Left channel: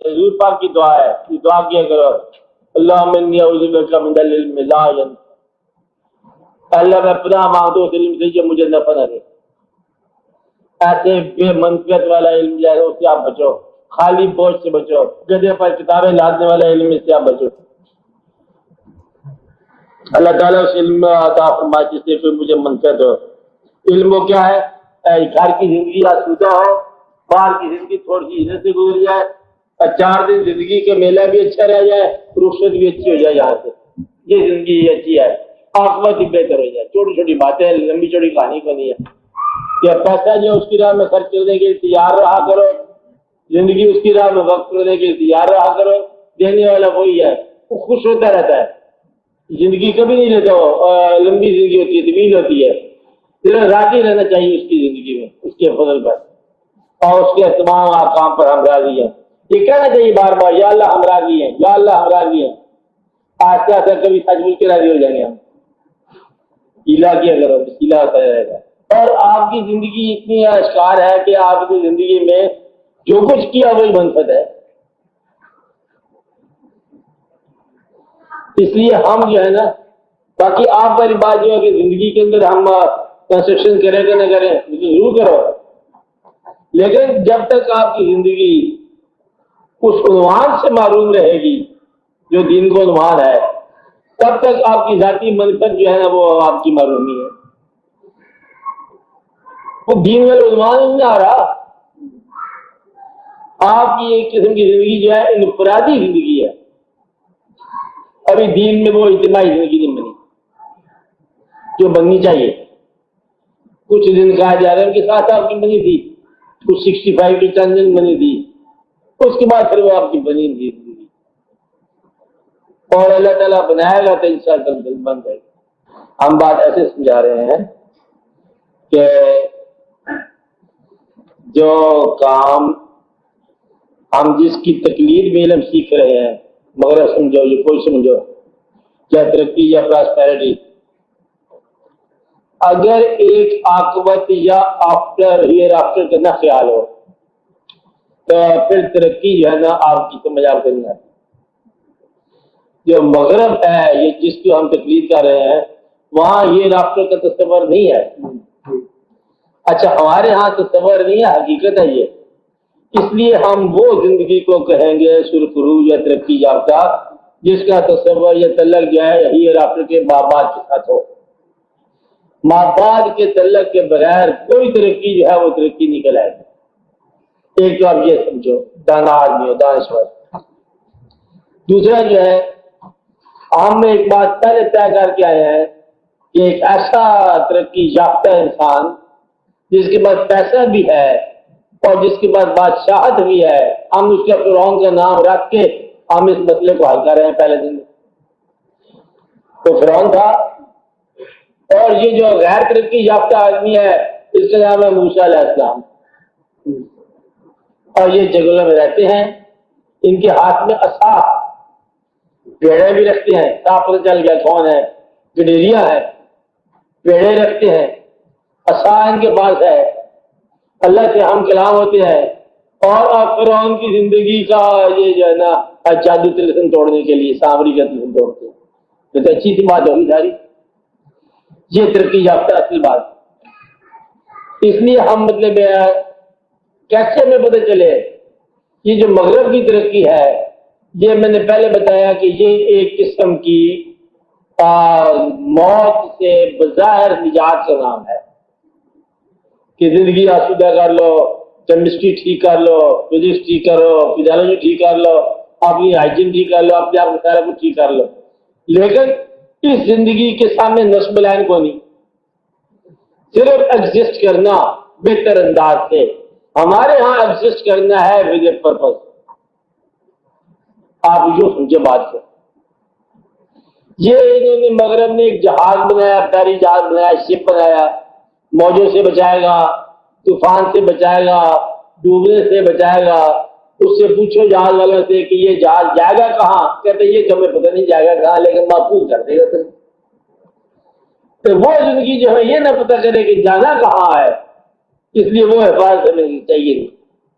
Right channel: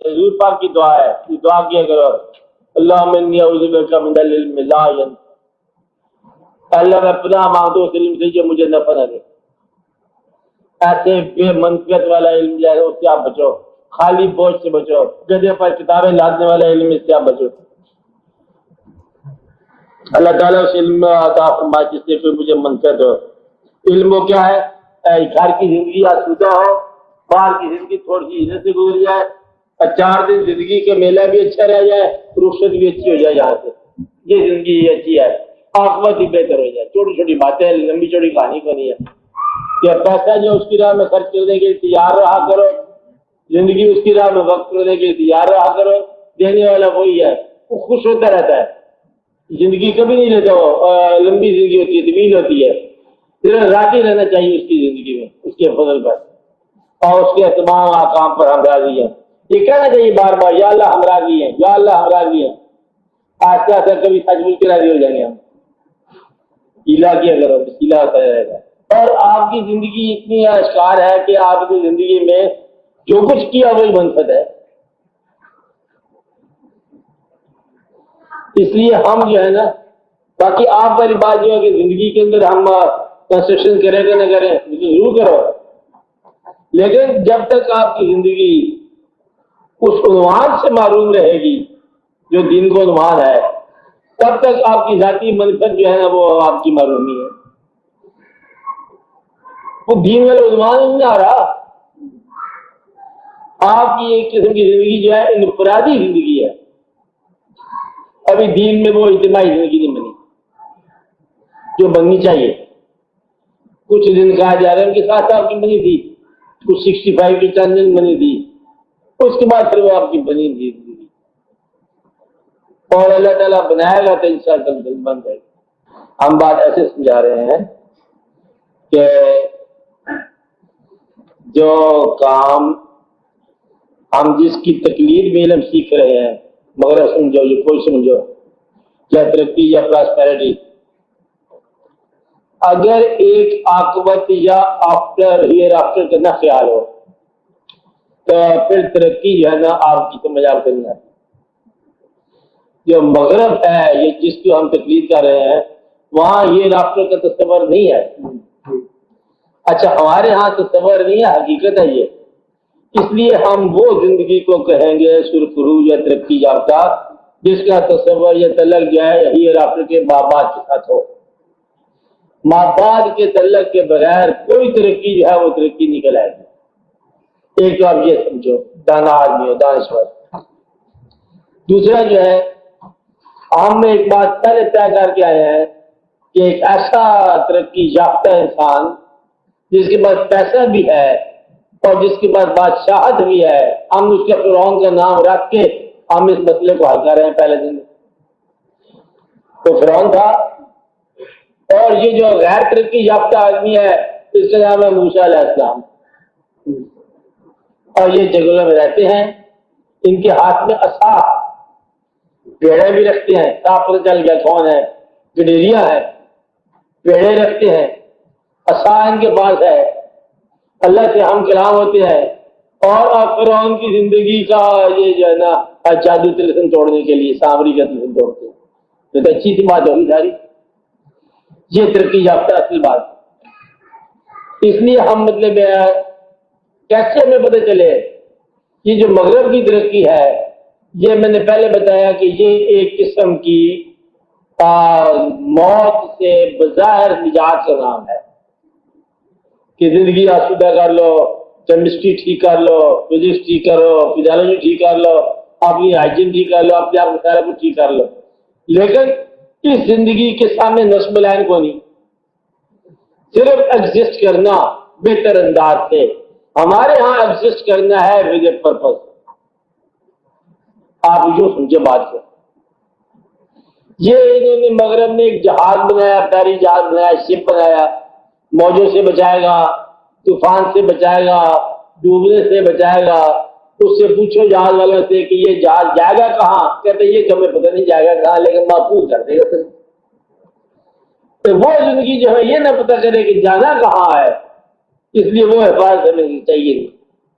حضور پاک کی دعا ہے، دعا کیا کرو، اللہم انی اعوذ بک من العلم لا علم، اللہ میں پناہ مانگتا ہوں علم سے جو مجھے نفع نہ دے۔ ایسے بے منطق والا علم جو ہے اس سے آپ بچو، خالی بوجھ سے بچو، گدھے پر کتابیں لادنے والا علم اس سے آپ بچو۔ اللہ تعالیٰ اس علم میں عطا فرمائے جس سے کوئی مجھے منفعت ہو۔ علم وہ کیا ہے؟ گھر کی زندگی آسودہ ہو، باہر کی زندگی تھوڑی سی عزت سے گزر جائے، اور 4 دن زندگی کے میلہ بھی اچھا رہ جائے، رخصت بھی اچھی ہو جائے یہاں سے، یہ زندگی بھی اچھی ہے، آخرت بھی بہتر ہو جائے۔ چھوٹی چھوٹی باتیں، لمبی چوڑی کہانی بنی ہے کہ پیسہ جو اس کی راہ میں خرچ کرنے کے لیے تیار رہا کرو، زندگی اس کی راہ میں وقت کرنے کے لیے تیار رہا کرو، دینے والا کوئی ہے، وہ خوش ہوتا رہتا ہے۔ زندگی کبھی نہیں لیتا ہو، لمبی زندگی ہوتی ہے، طویل ہوتی ہے، پھر راضی رہنا چاہیے اس کی زندگی میں، اس کے فضل پر اور اس کے تمام کام پر ہم راضی ہیں۔ یہ کہنا چاہیے بار بار، یا اللہ ہم راضی ہیں، یا اللہ ہم راضی ہیں۔ آہستہ آہستہ کبھی سچ مچ کے راضی ہو جائیں گے ہم۔ گیلا کیا کرو، گیلا ہوتا رہے گا۔ اور آپ کی زندگی اتنی اشکار ہے کہ آپ کی زندگی میں جو کچھ کیا وہی منفعت ہے۔ اس لیے ہم جو ہے نا، باقی آپ والی بات جو ہے کہ زندگی کے اندر ہم کنسٹرکشن کریں کہ نہ کریں ضرور کرو، لیکن جب تک آپ کی زندگی اس عنوان سے معروم رہے گی جو دین کا عنوان ہے، تب تک آپ کی ذاتی منصب جو ہے نا وہ آپ کی معرومی ہے۔ وہ دین کا عنوان نہیں آ رہا، آپ کی قسم کی زندگی جو ہے انفرادی زندگی ہے۔ ابھی دین میں وہ اجتماعی زندگی نہیں بنی جو بننی چاہیے۔ کچھ دن کہا جا رہا ہے کہ 7 سال کی بنی تھی، کچھ 65 کی چند بنی تھی، اس کے بعد پھر وہ آپ کی بنی تھی، اور اللہ تعالیٰ بنایا گا تو انشاءاللہ دل بن جائے گا۔ ہم بات ایسے سمجھا رہے ہیں کہ جو کام ہم جس کی تقلید میں علم سیکھ رہے ہیں، مگر سمجھو یہ کوئی سمجھو یا ترقی یا پراسپیرٹی، اگر ایک عاقبت یا آفٹر ہیئر آفٹر کا نہ خیال ہو تو پھر ترقی جو ہے نا آپ کی سمجھ آ کرنی آتی۔ جو مغرب ہے، یہ جس کی ہم تقلید کر رہے ہیں، وہاں یہ آفٹر کا تصور نہیں ہے۔ اچھا ہمارے ہاں تصور نہیں ہے، حقیقت ہے یہ۔ اس لیے ہم وہ زندگی کو کہیں گے سرخرو یا ترقی یافتہ جس کا تصور یہ تعلق جو ہے ہیئر آفٹر کے ماں باپ کے ساتھ ہو۔ ماں باپ کے تعلق کے بغیر کوئی ترقی جو ہے وہ ترقی نہیں کہلائے گی۔ ایک آپ یہ سمجھو، دانا آدمی دانشور۔ دوسرا جو ہے، ہم نے ایک بات پہلے طے کر کے آئے ہیں کہ ایک ایسا ترقی یافتہ انسان جس کے پاس پیسہ بھی ہے اور جس کے پاس بادشاہت بھی ہے، ہم اس کے فرعون کا نام رکھ کے ہم اس مسئلے کو حل کر رہے ہیں۔ پہلے دن تو فرعون تھا، اور یہ جو غیر ترقی یافتہ آدمی ہے اس کا نام ہے موسیٰ علیہ السلام، اور یہ جنگلوں میں رہتے ہیں، ان کے ہاتھ میں عصا، پیڑے بھی رکھتے ہیں، صاف پتہ چل گیا کون ہے، گڈیریا ہے، پیڑے رکھتے ہیں، عصا ان کے پاس ہے، اللہ سے ہم کلام ہوتے ہیں، اور اب فرعون کی زندگی کا یہ جو ہے نا جادو تلسم توڑنے کے لیے سامری کا تلسم توڑتے ہیں۔ تو اچھی سی بات ہوگی ساری، یہ ترقی یافتہ اصل بات ہے۔ اس لیے ہم مطلب کیسے ہمیں پتہ چلے یہ جو مغرب کی ترقی ہے، یہ میں نے پہلے بتایا کہ یہ ایک قسم کی موت سے بظاہر نجات کا نام ہے کہ زندگی آسودہ کر لو، کیمسٹری ٹھیک کر لو، فزکس ٹھیک کرو، فزیالوجی ٹھیک کر لو، اپنی ہائیجین ٹھیک کر لو، اپنے آپ کو سارا کچھ ٹھیک کر لو، لیکن اس زندگی کے سامنے نصب لائن کو نہیں، صرف ایگزسٹ کرنا بہتر انداز سے۔ ہمارے ہاں ایگزسٹ کرنا ہے ود اے پرپز۔ آپ جو سمجھے بات کو، یہ انہوں نے مغرب نے ایک جہاز بنایا، بحری جہاز بنایا، شپ بنایا، موجوں سے بچائے گا، طوفان سے بچائے گا، ڈوبنے سے بچائے گا۔ اس سے پوچھو جہاز والا سے کہ یہ جہاز جائے گا کہاں، کہتے یہ تو ہمیں پتہ نہیں جائے گا کہاں، لیکن محفوظ کر دے گا۔ تو وہ زندگی جو ہے یہ نہ پتہ چلے کہ جانا کہاں ہے، اس لیے وہ حفاظت ہمیں چاہیے،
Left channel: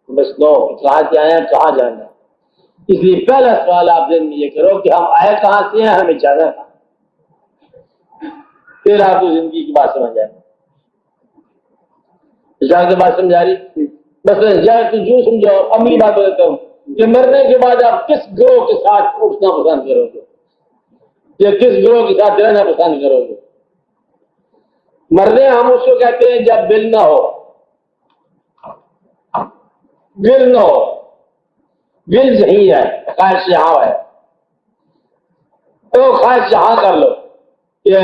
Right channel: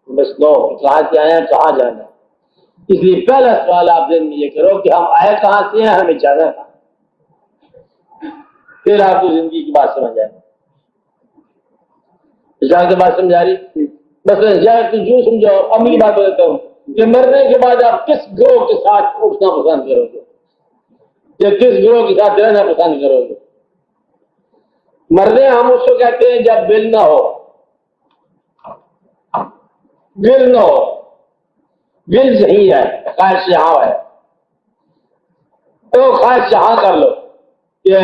بس نو کہاں سے آیا کہاں جانا۔ اس لیے پہلا سوال آپ ذہن میں یہ کرو کہ ہم آئے کہاں سے ہیں، ہمیں جانا کہاں، پھر آپ کو زندگی کی بات سمجھ آئے کی بات سمجھا رہی بس یوں سمجھاؤ. امی بات بتاتا ہوں کہ مرنے کے بعد آپ کس گروہ کے ساتھ اٹھنا پسند کرو گے یا کس گروہ کے ساتھ رہنا پسند کرو گے؟ مرنے ہم اس کو کہتے ہیں جب دل نہ ہو، دل نہ ہو، دل صحیح ہے، خواہش یہاں ہے تو خواہش یہاں کر لو کہ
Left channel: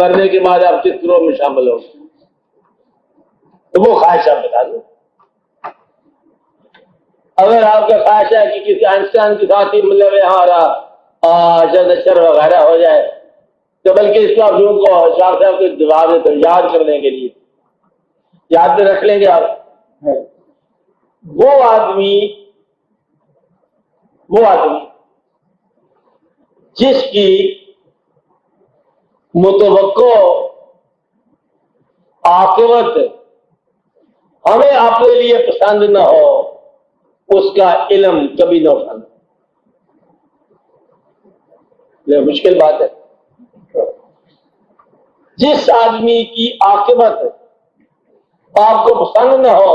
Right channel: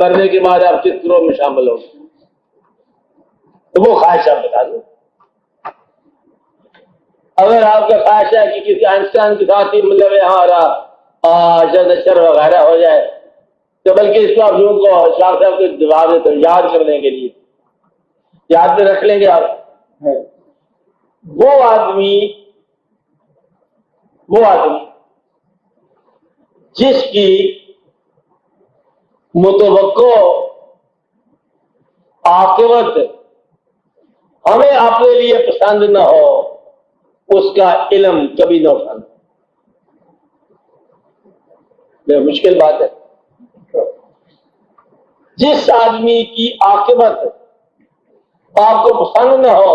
مرنے کے بعد آپ کس گروہ میں شامل ہو، تو وہ خواہش آپ بتا دو. اگر آپ کا خواہش ہے کہ کسی انسان کے ساتھ ہی مطلب یہاں شر وغیرہ ہو جائے تو بلکہ اس کا لوگ کو شاہ صاحب کے دیوارے سے یاد کرنے کے لیے یاد میں رکھ لیں گے آپ. وہ آدمی جس کی متوقع عاقبت ہمیں اپنے لیے پسند نہ ہو، اس کا علم کبھی نہ اٹھانا. یہ مشکل بات ہے. جس آدمی کی عاقبت آپ کو پسند نہ ہو،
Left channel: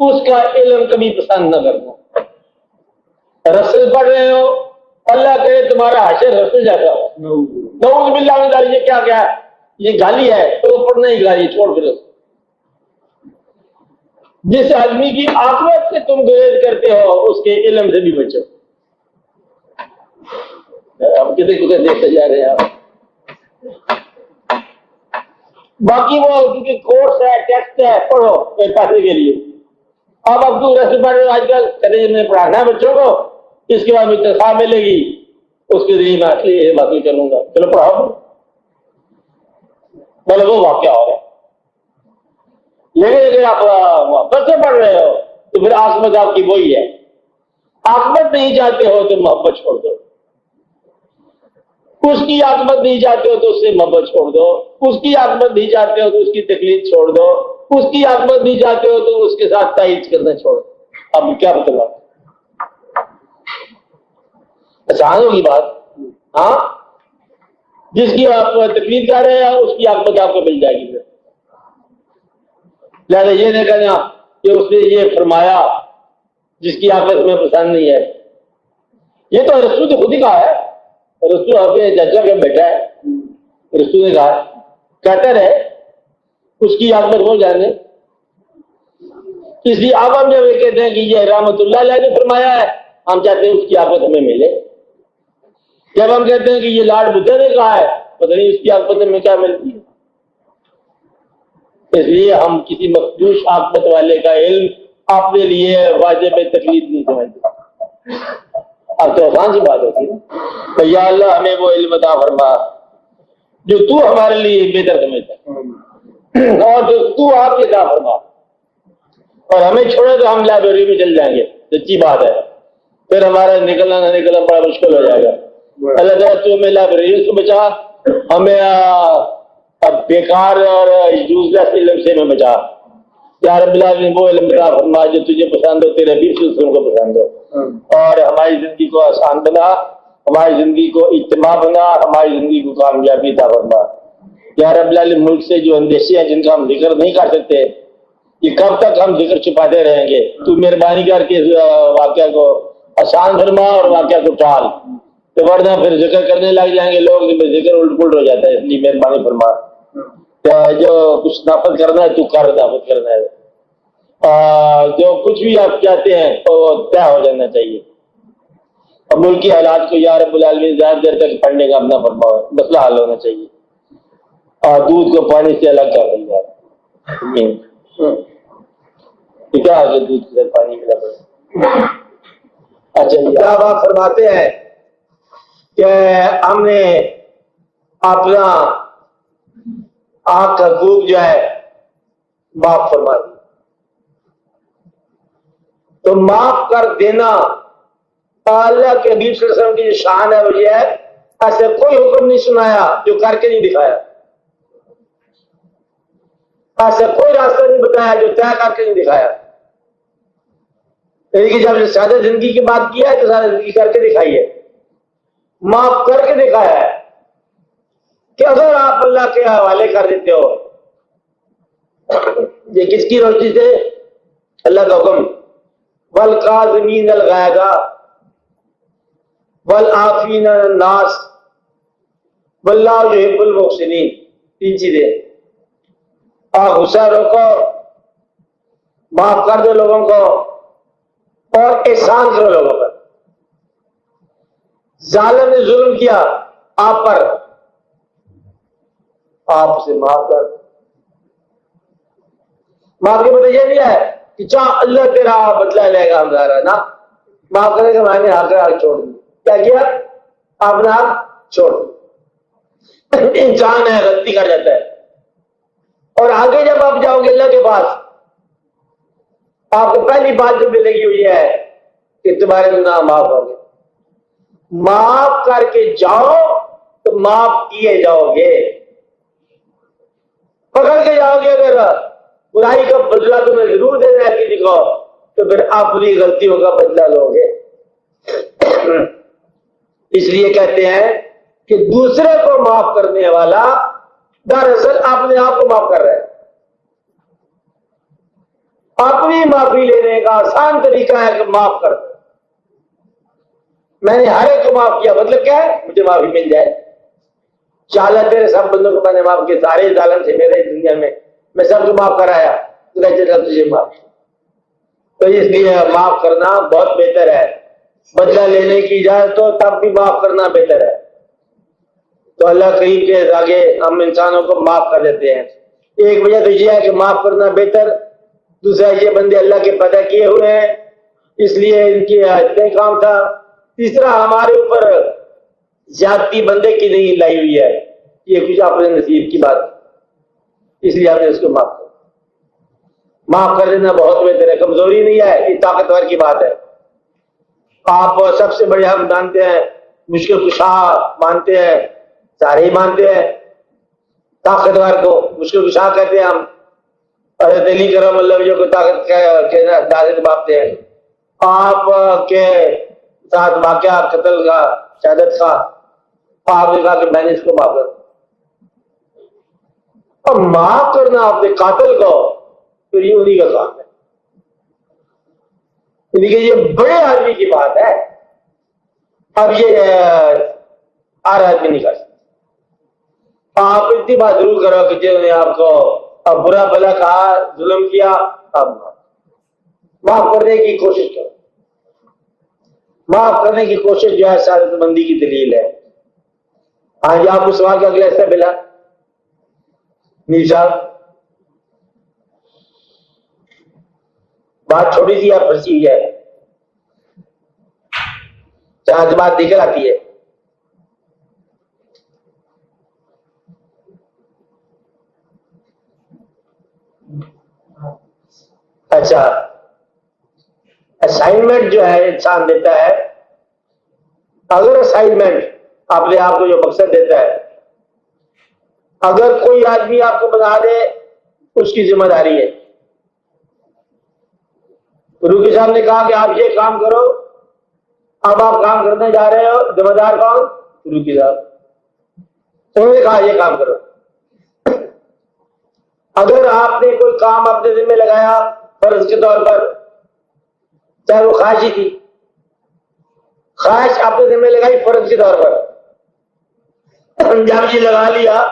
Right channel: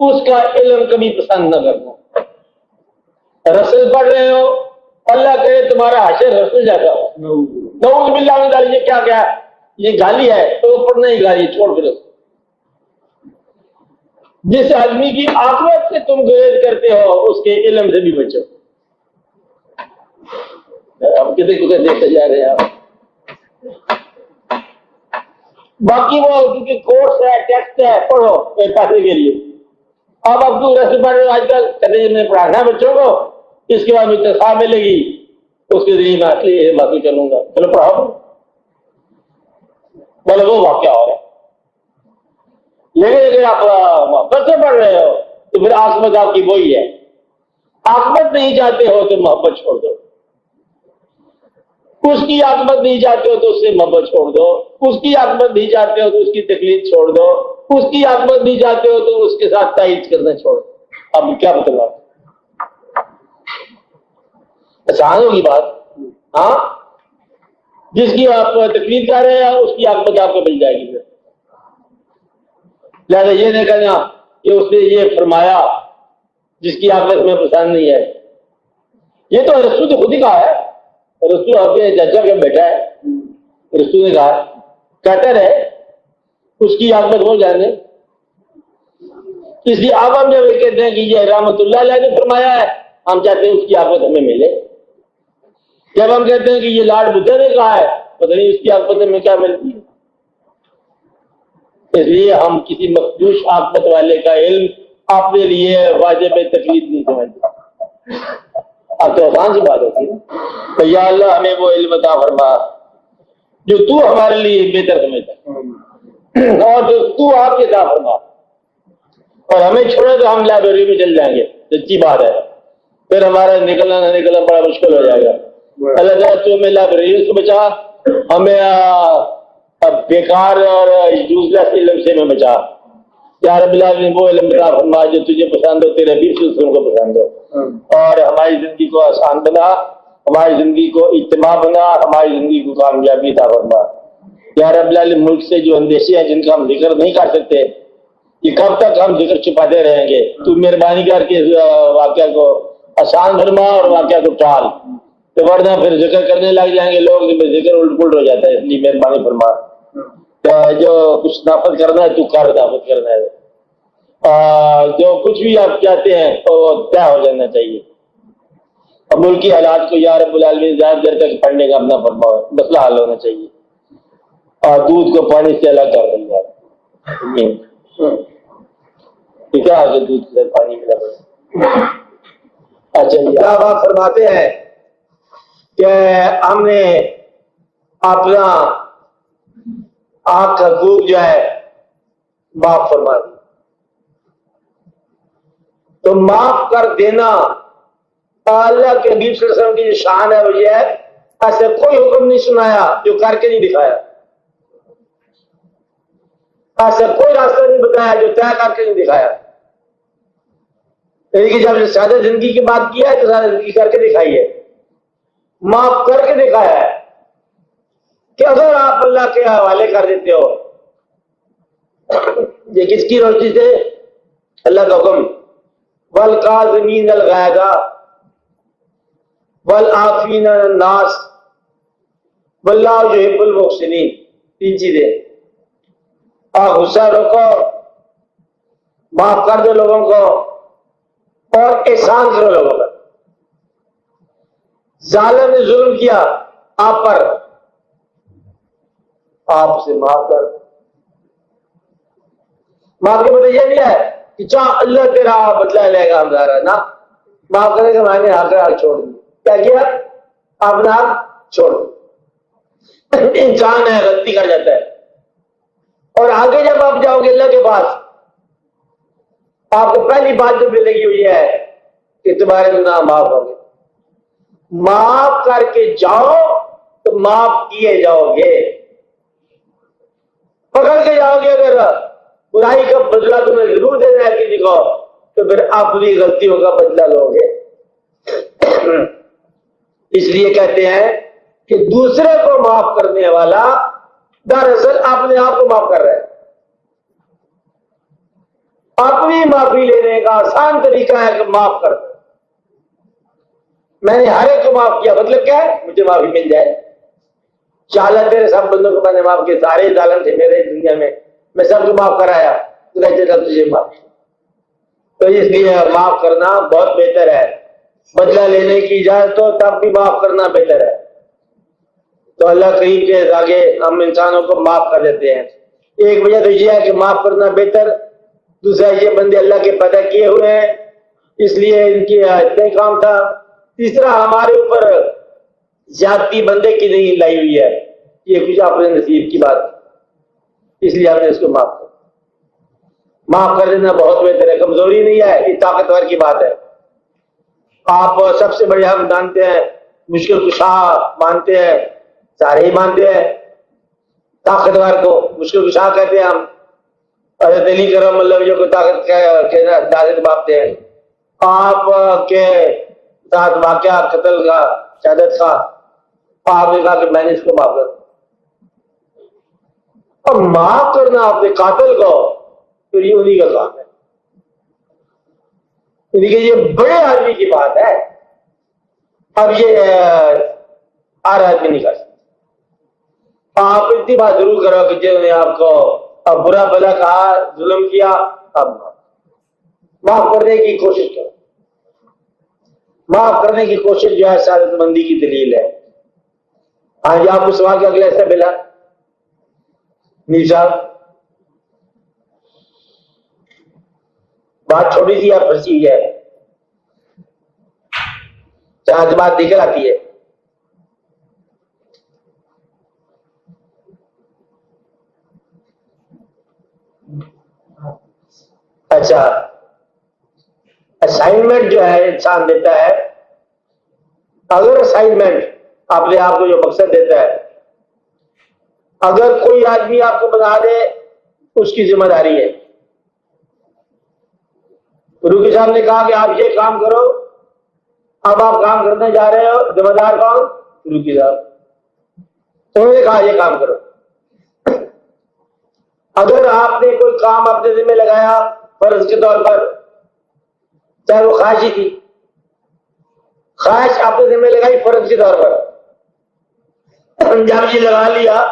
اس کا علم کبھی پسند نہ کرنا. رسل پڑھ رہے ہو، اللہ کہے تمہارا حشر رسل جاتا ہو، نعوذ باللہ من ذالک، یہ کیا ہے، یہ گالی ہے تو پڑھنا ہی گالی چھوڑ دو. جس آدمی کی عاقبت سے تم گریز کرتے ہو، اس کے علم سے بھی بچو. ہم کسی کسی دیکھتے جا رہے ہیں. باقی وہ کیونکہ کورس ہے، ٹیکسٹ ہے، پڑھو پڑھنے کے لیے. اب اپنی رسم پر آج کل چلے میں پڑھانا بچوں کو، اس کے بعد اتفاق ملے گی، اس کے ذریعے میں یہ معلوم چلوں گا، چلو پڑھو بولے وہ واقعہ ہو گیا. لیکن اگر آپ محبت سے پڑھ رہے ہو تو پھر عاصمت آپ کی وہی ہے. عاصمت نہیں چاہتے ہو تو محبت چھوڑ دو، اس کی عاقبت نہیں چاہتے ہو تو اس سے محبت چھوڑ دو، اس کی عاقبت نہیں چاہتے ہو تو اس کی تکلیف چھوڑ دو، اس کی عاقبت نہیں چاہتے ہو تو اس کے ساتھ تائید کرنا چھوڑ دو. اب کیا بتاؤ، آسان ہوگی بات. ہاں، جس کی آپ تکلیف جا رہے ہیں اس کی عاقبت آپ کو مل جائے گی. یعنی یہ نہیں کہنا کہ اس نے یہ فرمایا جس کی عاقبت میں پسند نہیں ہے. یہ تو رسول تو خود ہی کہا ہے. رسول اپنے چچا کا بیٹا ہے، رسول نے کہا کہتا رہے اس کی عاقبت ہو جانے. اس کی عاقبت میں کہتے ہیں کہ یہ رحمت اللہ علیہ نے فرمایا ہے، ہم چاہتے ہیں اس کی عاقبت ہمیں ملے. جب ہم کہتے ہیں کہ یہ لاڈ بدھا نے کہا ہے، پتہ نہیں اس کی عاقبت میں کیا ملتی ہے. اس لیے ہم کسی مخدوش عاقبت والے کا علم اپنے لیے واجب تکلیف نہیں سمجھتے. اب تو آسان سی بات ہوتی ہے تو یا اللہ ہمیں وہ علم عطا فرما جو تو ہمارے لیے بہتر سمجھتا اور جو تو آپ کے کام ہوگا، اور ہمیں چھوڑے تو ہم لائبریری میں چل جائیں گے. سچی بات ہے، پھر ہمارا نکلنا نہ نکلنا بڑا مشکل ہو جائے گا. اللہ تعالیٰ تو ہمیں لائبریری سے بچا، ہمیں بیکار اور یوز لیس علم سے میں بچا. یا رب العالمین وہ علم عطا فرما جو تجھے پسند ہو، تیرے حبیب صلی اللہ علیہ وسلم کو پسند ہو، اور ہماری زندگی کو آسان بنا، ہماری زندگی کو اجتماع بنا، ہماری زندگی کو کامیابی عطا فرما. یا رب العالمین ملک سے جو اندیشے ہیں جن کا ہم ذکر نہیں کر سکتے، یہ کب تک ہم ذکر چھپاتے رہیں گے؟ تو مہربانی کر کے واقعہ کو آسان فرما اور واقعہ کو ٹال، تو ورنہ پھر ذکر کرنے لگ جائیں گے لوگ، ذکر الٹ پلٹ ہو جاتا ہے. اس لیے مہربانی فرما جو کچھ نافذ کرنا ہے تو کر نافذ کرنا ہے، جو کچھ بھی آپ چاہتے ہیں وہ طے ہو جانا چاہیے. اور ملکی حالات کو یا رب العالمین زیادہ دیر تک پڑھنے کا اپنا فرما، مسئلہ حل ہونا چاہیے. اور دودھ کو پانی سے الگ کر دیں گے. کیا دودھ سے پانی کا اچھا بات فرماتے ہیں کہ ہم نے اپنا آنکھ کا خوب جو ہے معاف فرما دیا، تو معاف کر دینا اللہ کے حبیب صلی اللہ علیہ وسلم کی شان ہے. وہ یہ ہے ایسا کوئی حکم نہیں سنایا جو کر کے نہیں دکھایا، ایسا کوئی راستہ نہیں بتایا جو طے کر کے نہیں دکھایا. یعنی کہ جب سادہ زندگی کی بات کیا ہے تو سادہ زندگی کر کے دکھائیے، معاف کر کے دکھایا ہے کہ اگر آپ اللہ کے حوالے کر دیتے ہو، یہ کس کی روزی سے؟ اللہ کا حکم، والکاظمین الغیظ والعافین عن الناس واللہ یحب المحسنین، تین چیزیں، آپ غصہ روکو، معاف کر دو لوگوں کو، اور احسان کرو لوگوں پر۔ ظالم نے ظلم کیا آپ پر، آپ اسے معاف کر دو۔ معاف کا مطلب یہ نہیں ہے کہ چاہ اللہ تیرا بدلہ لے گا ہمارا، نا، معاف کرنے کے میں نے آگے آگے چھوڑ دیا، کیا اپنا چھوڑ دیا۔ انسان ہے، غلطی کر جاتا ہے، اور آگے جب آپ جاؤ گے اللہ کے پاس، آپ کو پہلی بات جو ملے گی وہ یہ ہے کہ تمہارے گناہ معاف ہو گئے۔ معاف کر کے جاؤ تو معاف کیے جاؤ گے، پکڑ کے جاؤ گے اگر برائی کا بدلہ تمہیں ضرور دینا ہے کسی کو، تو پھر اپنی غلطیوں کا بدلہ لو گے۔ اس لیے کہتے ہیں کہ دوسرے کو معاف کرنے والا دراصل اپنے آپ کو معاف کر رہا ہے۔ اپنی معافی لینے کا آسان طریقہ ہے کہ معاف کر دو۔ میں نے ہر ایک کو معاف کیا، مطلب کیا ہے؟ مجھے معافی مل جائے۔ چاہے تیرے سب بندوں کو میں نے معاف کیا، سارے ظالم تھے میرے دنیا میں سب کو معاف کرایا، سب تجھے معاف کیا۔ تو اس لیے معاف کرنا بہت بہتر ہے، بدلہ لینے کی اجازت تو تب بھی معاف کرنا بہتر ہے۔ تو اللہ کہیں کے آگے ہم انسانوں کو معاف کر دیتے ہیں۔ ایک وجہ تو یہ ہے کہ معاف کرنا بہتر، دوسرا یہ بندے اللہ کے پیدا کیے ہوئے ہیں اس لیے ان کی حاجت کام تھا، تیسرا ہمارے اوپر زیادتی بندے کی نہیں لائی ہوئی ہے، یہ کچھ اپنے نصیب کی بات ہے، اس لیے ہم نے اس کو معاف کر معاف کر دینا بہت بہتر ہے، کمزوری نہیں ہے، یہ طاقتور کی بات ہے۔ آپ سب سے بڑے ہم مانتے ہیں، مشکل کشا مانتے ہیں، سارے ہی مانتے ہیں، طاقتور کو مشکل کشا کہتے ہیں ہم، اور دلی کرم اللہ جو کو طاقت کہنا اجازت پاتے ہیں۔ آپ کے ساتھ واقعہ قتل کا شہادت کا، آپ نے کہا کہ میں نے اس کو معاف کر دیا، اور معاف کرنا اپنے قاتل کو تو یہ انہیں کا کام ہے، کہ یہ بڑے آدمی کی بات ہے، اور یہ ہر آدمی نہیں کر سکتا۔ آپ اتنی بات ضرور کرو کہ جنہوں نے آپ کو اب برا بھلا کہا، ظلم کیا، اب معاف کرنے کی کوشش کرو۔ معاف کرنے کی کوشش جو ہے سعادت مندی کی دلیل ہے۔ آج آپ اس وہاں کے اگلے ایسا ملا میر صاحب، بات چھوٹی سی آپ پھنسی ہے، چار بات نکل آتی ہے۔ اچھا، اسائنمنٹ جو ہے انسان دیتا ہے، اگر اسائنمنٹ اپنے آپ کو جو مقصد دیتا ہے، اگر کوئی آدمی آپ کو بتا دے اس کی ذمہ داری ہے۔ گرو کے صاحب نے کہا کہ آپ یہ کام کرو، اب آپ کام کرنے جا رہے ہو، ذمہ دار کون؟ گرو کے صاحب۔ تو یہ کہا یہ کام کرو۔ اگر آپ نے کوئی کام اپنے ذمہ لگایا فرض کے طور پر، چاہے وہ خواہشی تھی، خواہش آپ نے ذمہ لگائی فرض کے طور پر، جب یہ لگا لیا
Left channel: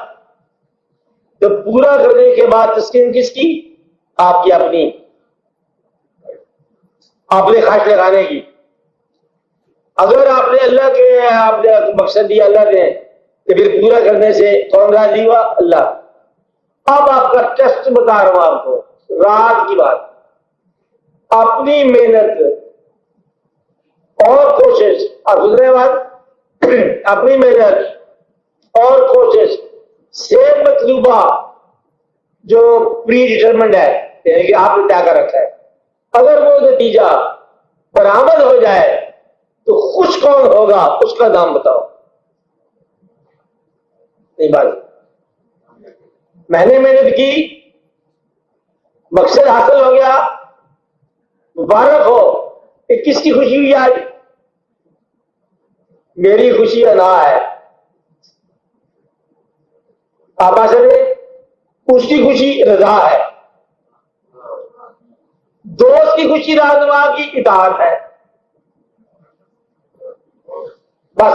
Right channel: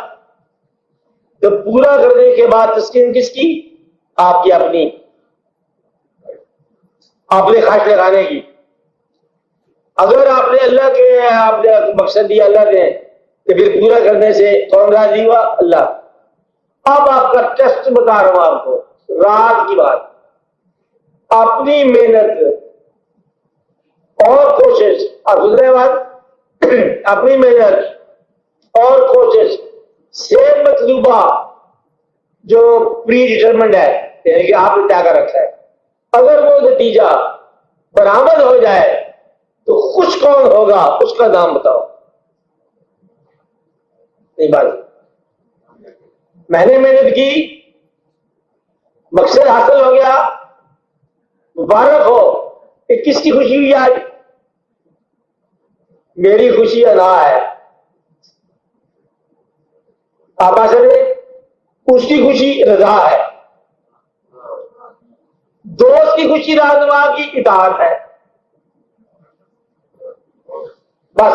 تو پورا کرنے کے بعد تسکین کس کی؟ آپ کی اپنی، آپ نے خواہش لگانے کی۔ اگر آپ نے اللہ کے آپ نے مقصد دیا اللہ نے، تو پھر پورا کرنے سے کون راضی ہوا؟ اللہ۔ اب آپ کا ٹیسٹ بتا رہا ہوں آپ کو، رات کی بات، اپنی محنت اور کوشش، اور دوسرے بات اپنی محنت اور کوشش سے مطلوبہ جو پری ڈیٹرمنڈ ہے، یعنی کہ آپ نے طے کر رکھا ہے، اگر وہ نتیجہ برآمد ہو جائے تو خوش کون ہوگا؟ اس کا نام بتاؤ۔ نہیں بات، میں نے محنت کی، مقصد حاصل ہو گیا، مبارک ہو، کہ کس کی خوشی ہوئی آج؟ میری خوشی اللہ ہے. آقا صاحب اس کی خوشی رضا ہے. دوست کی خوشی رہنما کی اطاعت ہے. بس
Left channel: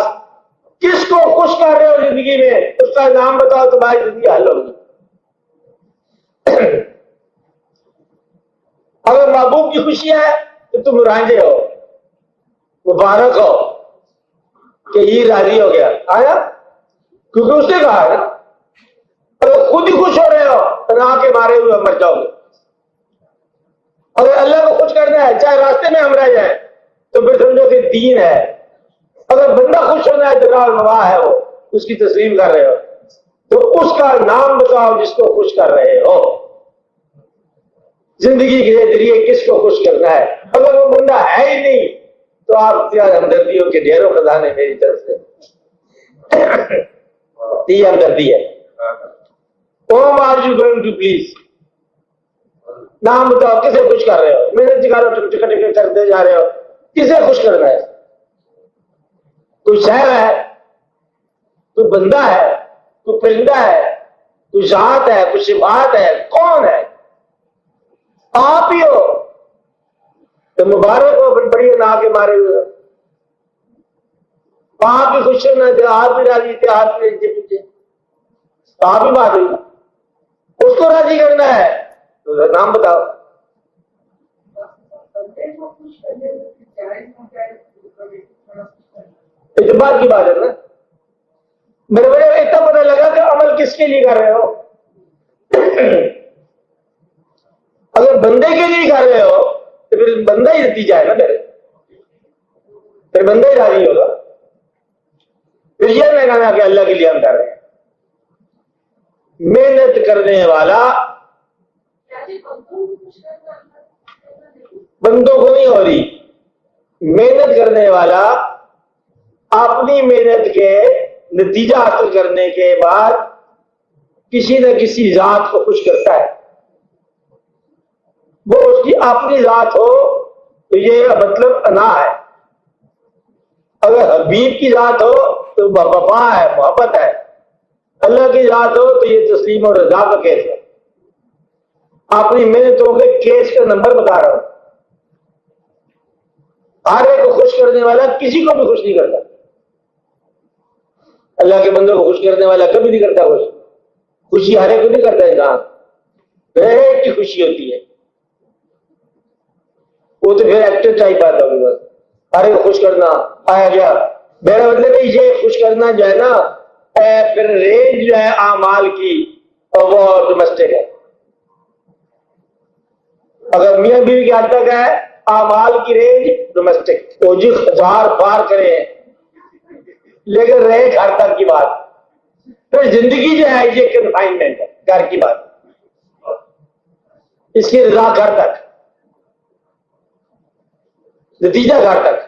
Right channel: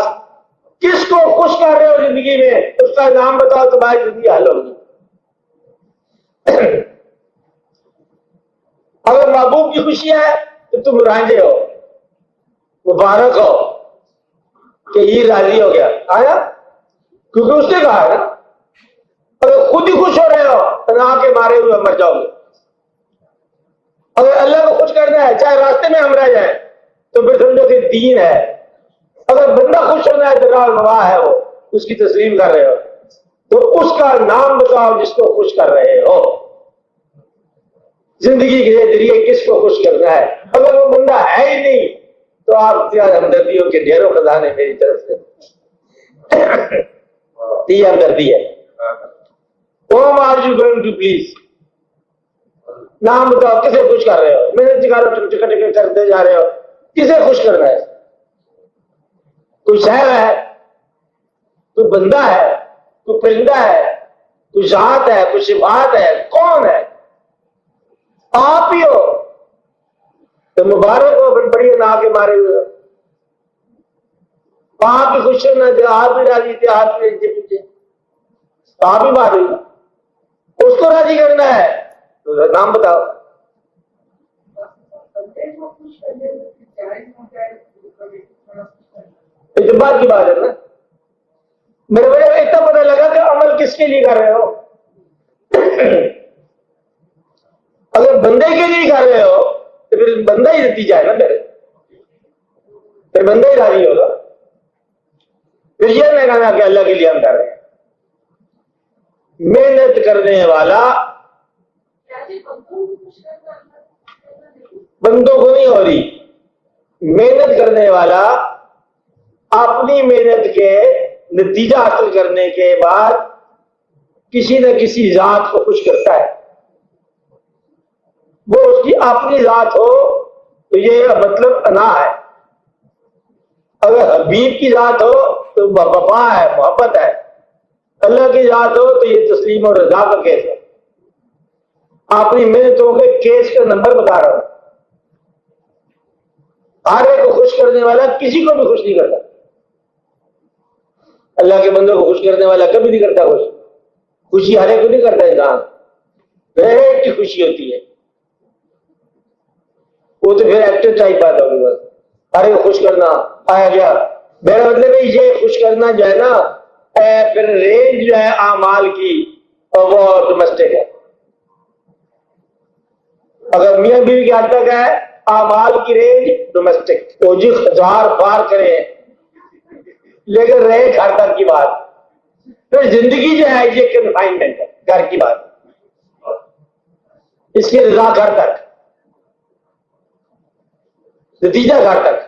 کس کو خوش کرنے ہو زندگی میں اس کا نام بتاؤ، تمہاری زندگی حل ہوگی. اگر محبوب کی خوشی ہے تو تم راضی رہو، مبارک ہو کہ یہ راضی ہو گیا آیا، کیونکہ اس نے کہا ہے. اگر خود ہی خوش ہو رہے ہو تو نہ کے بارے میں مر جاؤ گے. اگر اللہ کو خوش کرنا ہے چاہے راستے میں ہم رہ جائیں تو بھی سمجھو کہ دین ہے. اگر بندہ خوش ہونا ہے جگہ گواہ ہے وہ اس کی تسلیم کر رہے ہو تو اس کا نام بتاؤ جس کو خوش کر رہے ہو. زندگی کے ذریعے کس کو خوش کرنا ہے؟ اگر وہ بندہ ہے ہی نہیں تو آپ کیا ہمدردیوں کے ڈھیروں خزانے میری طرف سے یہ ہمدردی ہے. Whom are you going to please؟ نام بتاؤ کسے خوش کر رہے ہو؟ محنت کرتے جا رہے ہو کسے خوش کر رہے ہو؟ کوئی شہر ہے، کوئی بندہ ہے، کوئی پرندہ ہے، کوئی ذات ہے، کوئی صفات ہے، کون ہے؟ آپ ہی ہو. تو مبارک ہو بڑی اللہ کے ماری ہوئی. آپ ہی خوش کرنا چاہے آپ بھی راضی تھے، آپ بھی پیچھے آپ ہی بات ہوئی. اس کو راضی کرنا ہے تو نام بتاؤ. اتفاق کی بات ہے نا. میرے اتنا پتہ لگا کہ عمل کس کے لیے کر رہے ہو. اگر بندے کے لیے کر رہے ہو تو پھر بندہ ہی نتیجہ ہے نا، پھر بندہ ہی راضی ہوگا. پھر یہ نہیں کہا کہ اللہ کے لیے ہم کر رہے ہیں. محنت کرنے والا بندوں کو نہیں ہو رہی. محنت کرنے والا اپنی محنت کے نتیجہ حاصل کرنے کے بعد کسی نہ کسی ذات کو خوش کرتا ہے. وہ اس کی اپنی ذات ہو تو یہ مطلب انا ہے. اگر حبیب کی ذات ہو تو وفا ہے، محبت ہے. اللہ کی ذات ہو تو یہ تسلیم اور رضا کا کیس ہے. اپنی محنتوں کے کیس کا نمبر بتا رہا ہوں. ہر ایک کو خوش کرنے والا کسی کو بھی خوش نہیں کرتا. اللہ کے بندوں کو خوش کرنے والا کبھی نہیں کرتا. خوشی ہر ایک کو نہیں کرتا. انسان ایک کی خوشی ہوتی ہے وہ تو پھر ایکٹر ٹائپ آتا ہے. بس ہر ایک خوش کرنا آیا گیا. میرا مطلب یہ خوش کرنا جو ہے نا پھر رینج جو ہے اعمال کی اور وہ ڈومیسٹک ہے. اگر میاں بیوی کے حد تک ہے اعمال کی رینج ڈومیسٹک تو جی 1000 بار کرے لیکن رہے گھر تک کی بات. پھر زندگی جو ہے یہ کنفائنمنٹ ہے گھر کی بات. اس کی رضا گھر تک، نتیجہ گھر تک.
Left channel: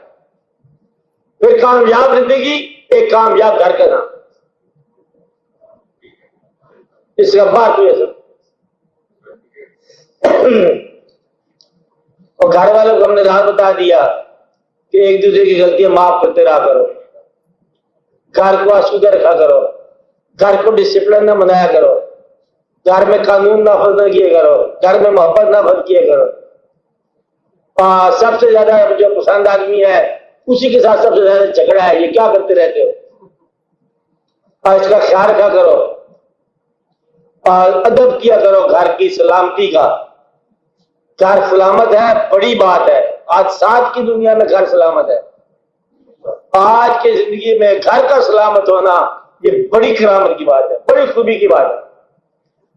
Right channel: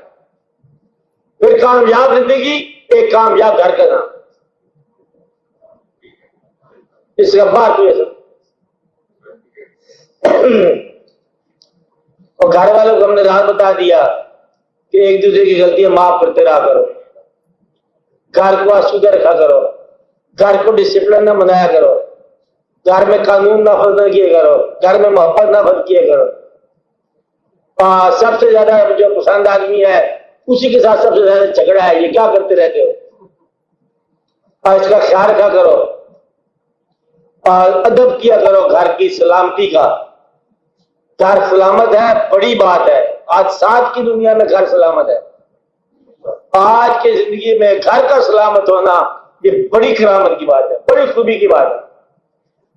پھر کامیاب زندگی ایک کامیاب گھر کا نام. اس کا بات ہوئی اور گھر والوں کو ہم نے راہ بتا دیا کہ ایک دوسرے کی غلطیاں معاف کرتے رہا کرو. گھر کو آسودہ رکھا کرو. گھر کو ڈسپلن نہ بنایا کرو. گھر میں قانون نافذ نہ کیا کرو. گھر میں محبت نافذ کیا کرو. سب سے زیادہ جو پسند آدمی ہے اسی کے ساتھ سب سے زیادہ جھگڑا ہے. یہ کیا کرتے رہتے ہو؟ اس کا خیال رکھا کرو. ادب کیا کرو. گھر کی سلامتی کا. گھر سلامت ہے بڑی بات ہے. آج ساتھ کی دنیا میں گھر سلامت ہے. آج کی زندگی میں گھر کا سلامت ہونا یہ بڑی کرامت کی بات ہے، بڑی خوبی کی بات ہے.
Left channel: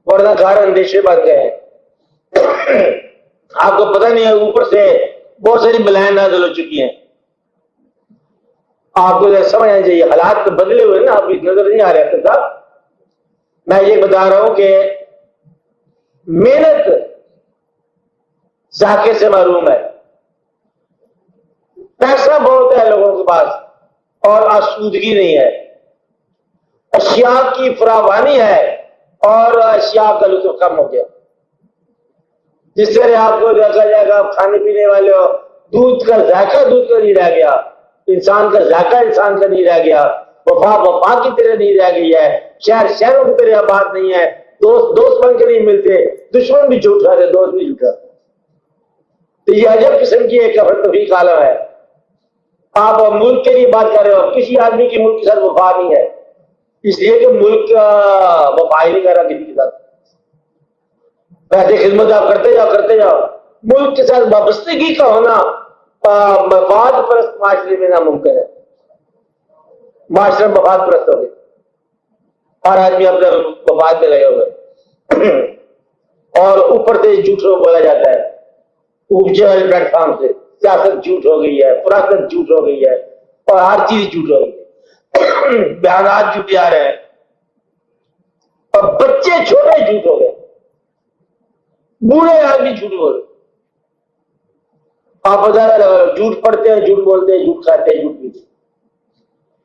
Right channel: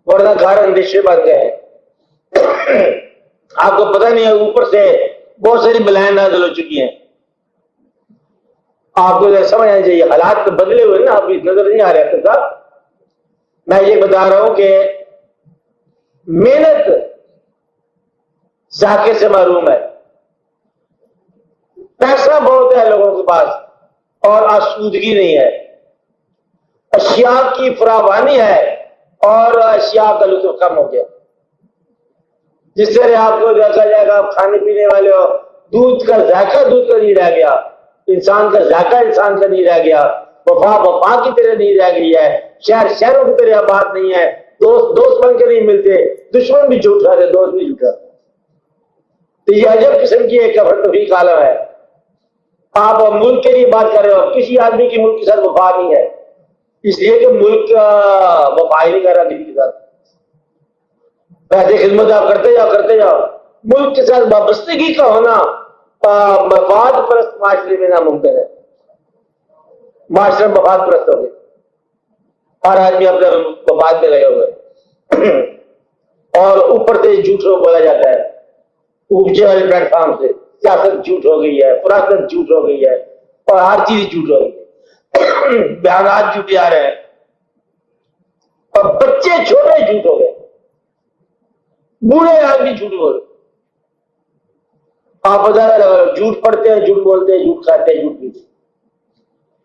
ورنہ گھر اندیشے بن گئے. آپ کو پتہ نہیں ہے اوپر سے بہت ساری بلائیں نازل ہو چکی ہیں. آپ کو سمجھنا چاہیے حالات تو بدلے ہوئے نا. آپ کی نظر نہیں آ رہا تھا. میں یہ بتا رہا ہوں کہ محنت ذائقے سے معلوم ہے. پیسہ بہت ہے لوگوں کے پاس اور آسودگی نہیں ہے. اشیاء کی فراوانی ہے اور اشیاء کا لطف کم ہو گیا. جس طرح آپ کو دیکھا جائے گا آپ کھانے پینے والے ہو دودھ کا ذائقہ نہیں رہ گیا، انسان کا ذائقہ انسان کا نہیں رہ گیا، وفا وفا کی طرح نہیں رہ گئی ہے، شہر شہروں کی طرح آباد نہیں ہے، دوست دوست بن کے نہیں ملتے، دشمن بھی جھوٹا ہے دوست بھی جھوٹا۔ تو یہ عجب قسم کی ایک توفیق عالم ہے۔ آپ ملک کے لیے بات کر رہے ہو، کسی آدمی کی ملک کے ساتھ وفا نہیں ہے، اس لیے کہ ملک کا وفائی وغیرہ نہیں کے ساتھ ایسے خدمت آپ کرتے جاؤ، ملک کے ساتھ وابستگی کا ہونا مفاد پرست معاشرے میں ناممکن ہے۔ معاشرے مفاد پرست ہو گئے، ہر آدمی اپنے مفاد میں لگے ہوئے، اور اوپر سے جھوٹ بولا جاتا ہے، اونچے والے پلیٹ فارم سے سیاست جھوٹ ہو گئی ہے، فراغت جھوٹ ہو گئی ہے، اور ہر چیز جھوٹ ہو گئی ہے، بیانات جھوٹے آ رہے ہیں، اور بچے چھوٹے جھوٹ ہو گئے، بوڑھے آدمی جھوٹ ہو گئے۔ آپ جھوٹ پڑھتے ہیں، جھوٹ بولتے ہیں، جھوٹ کھاتے ہیں، جھوٹ پیتے ہیں۔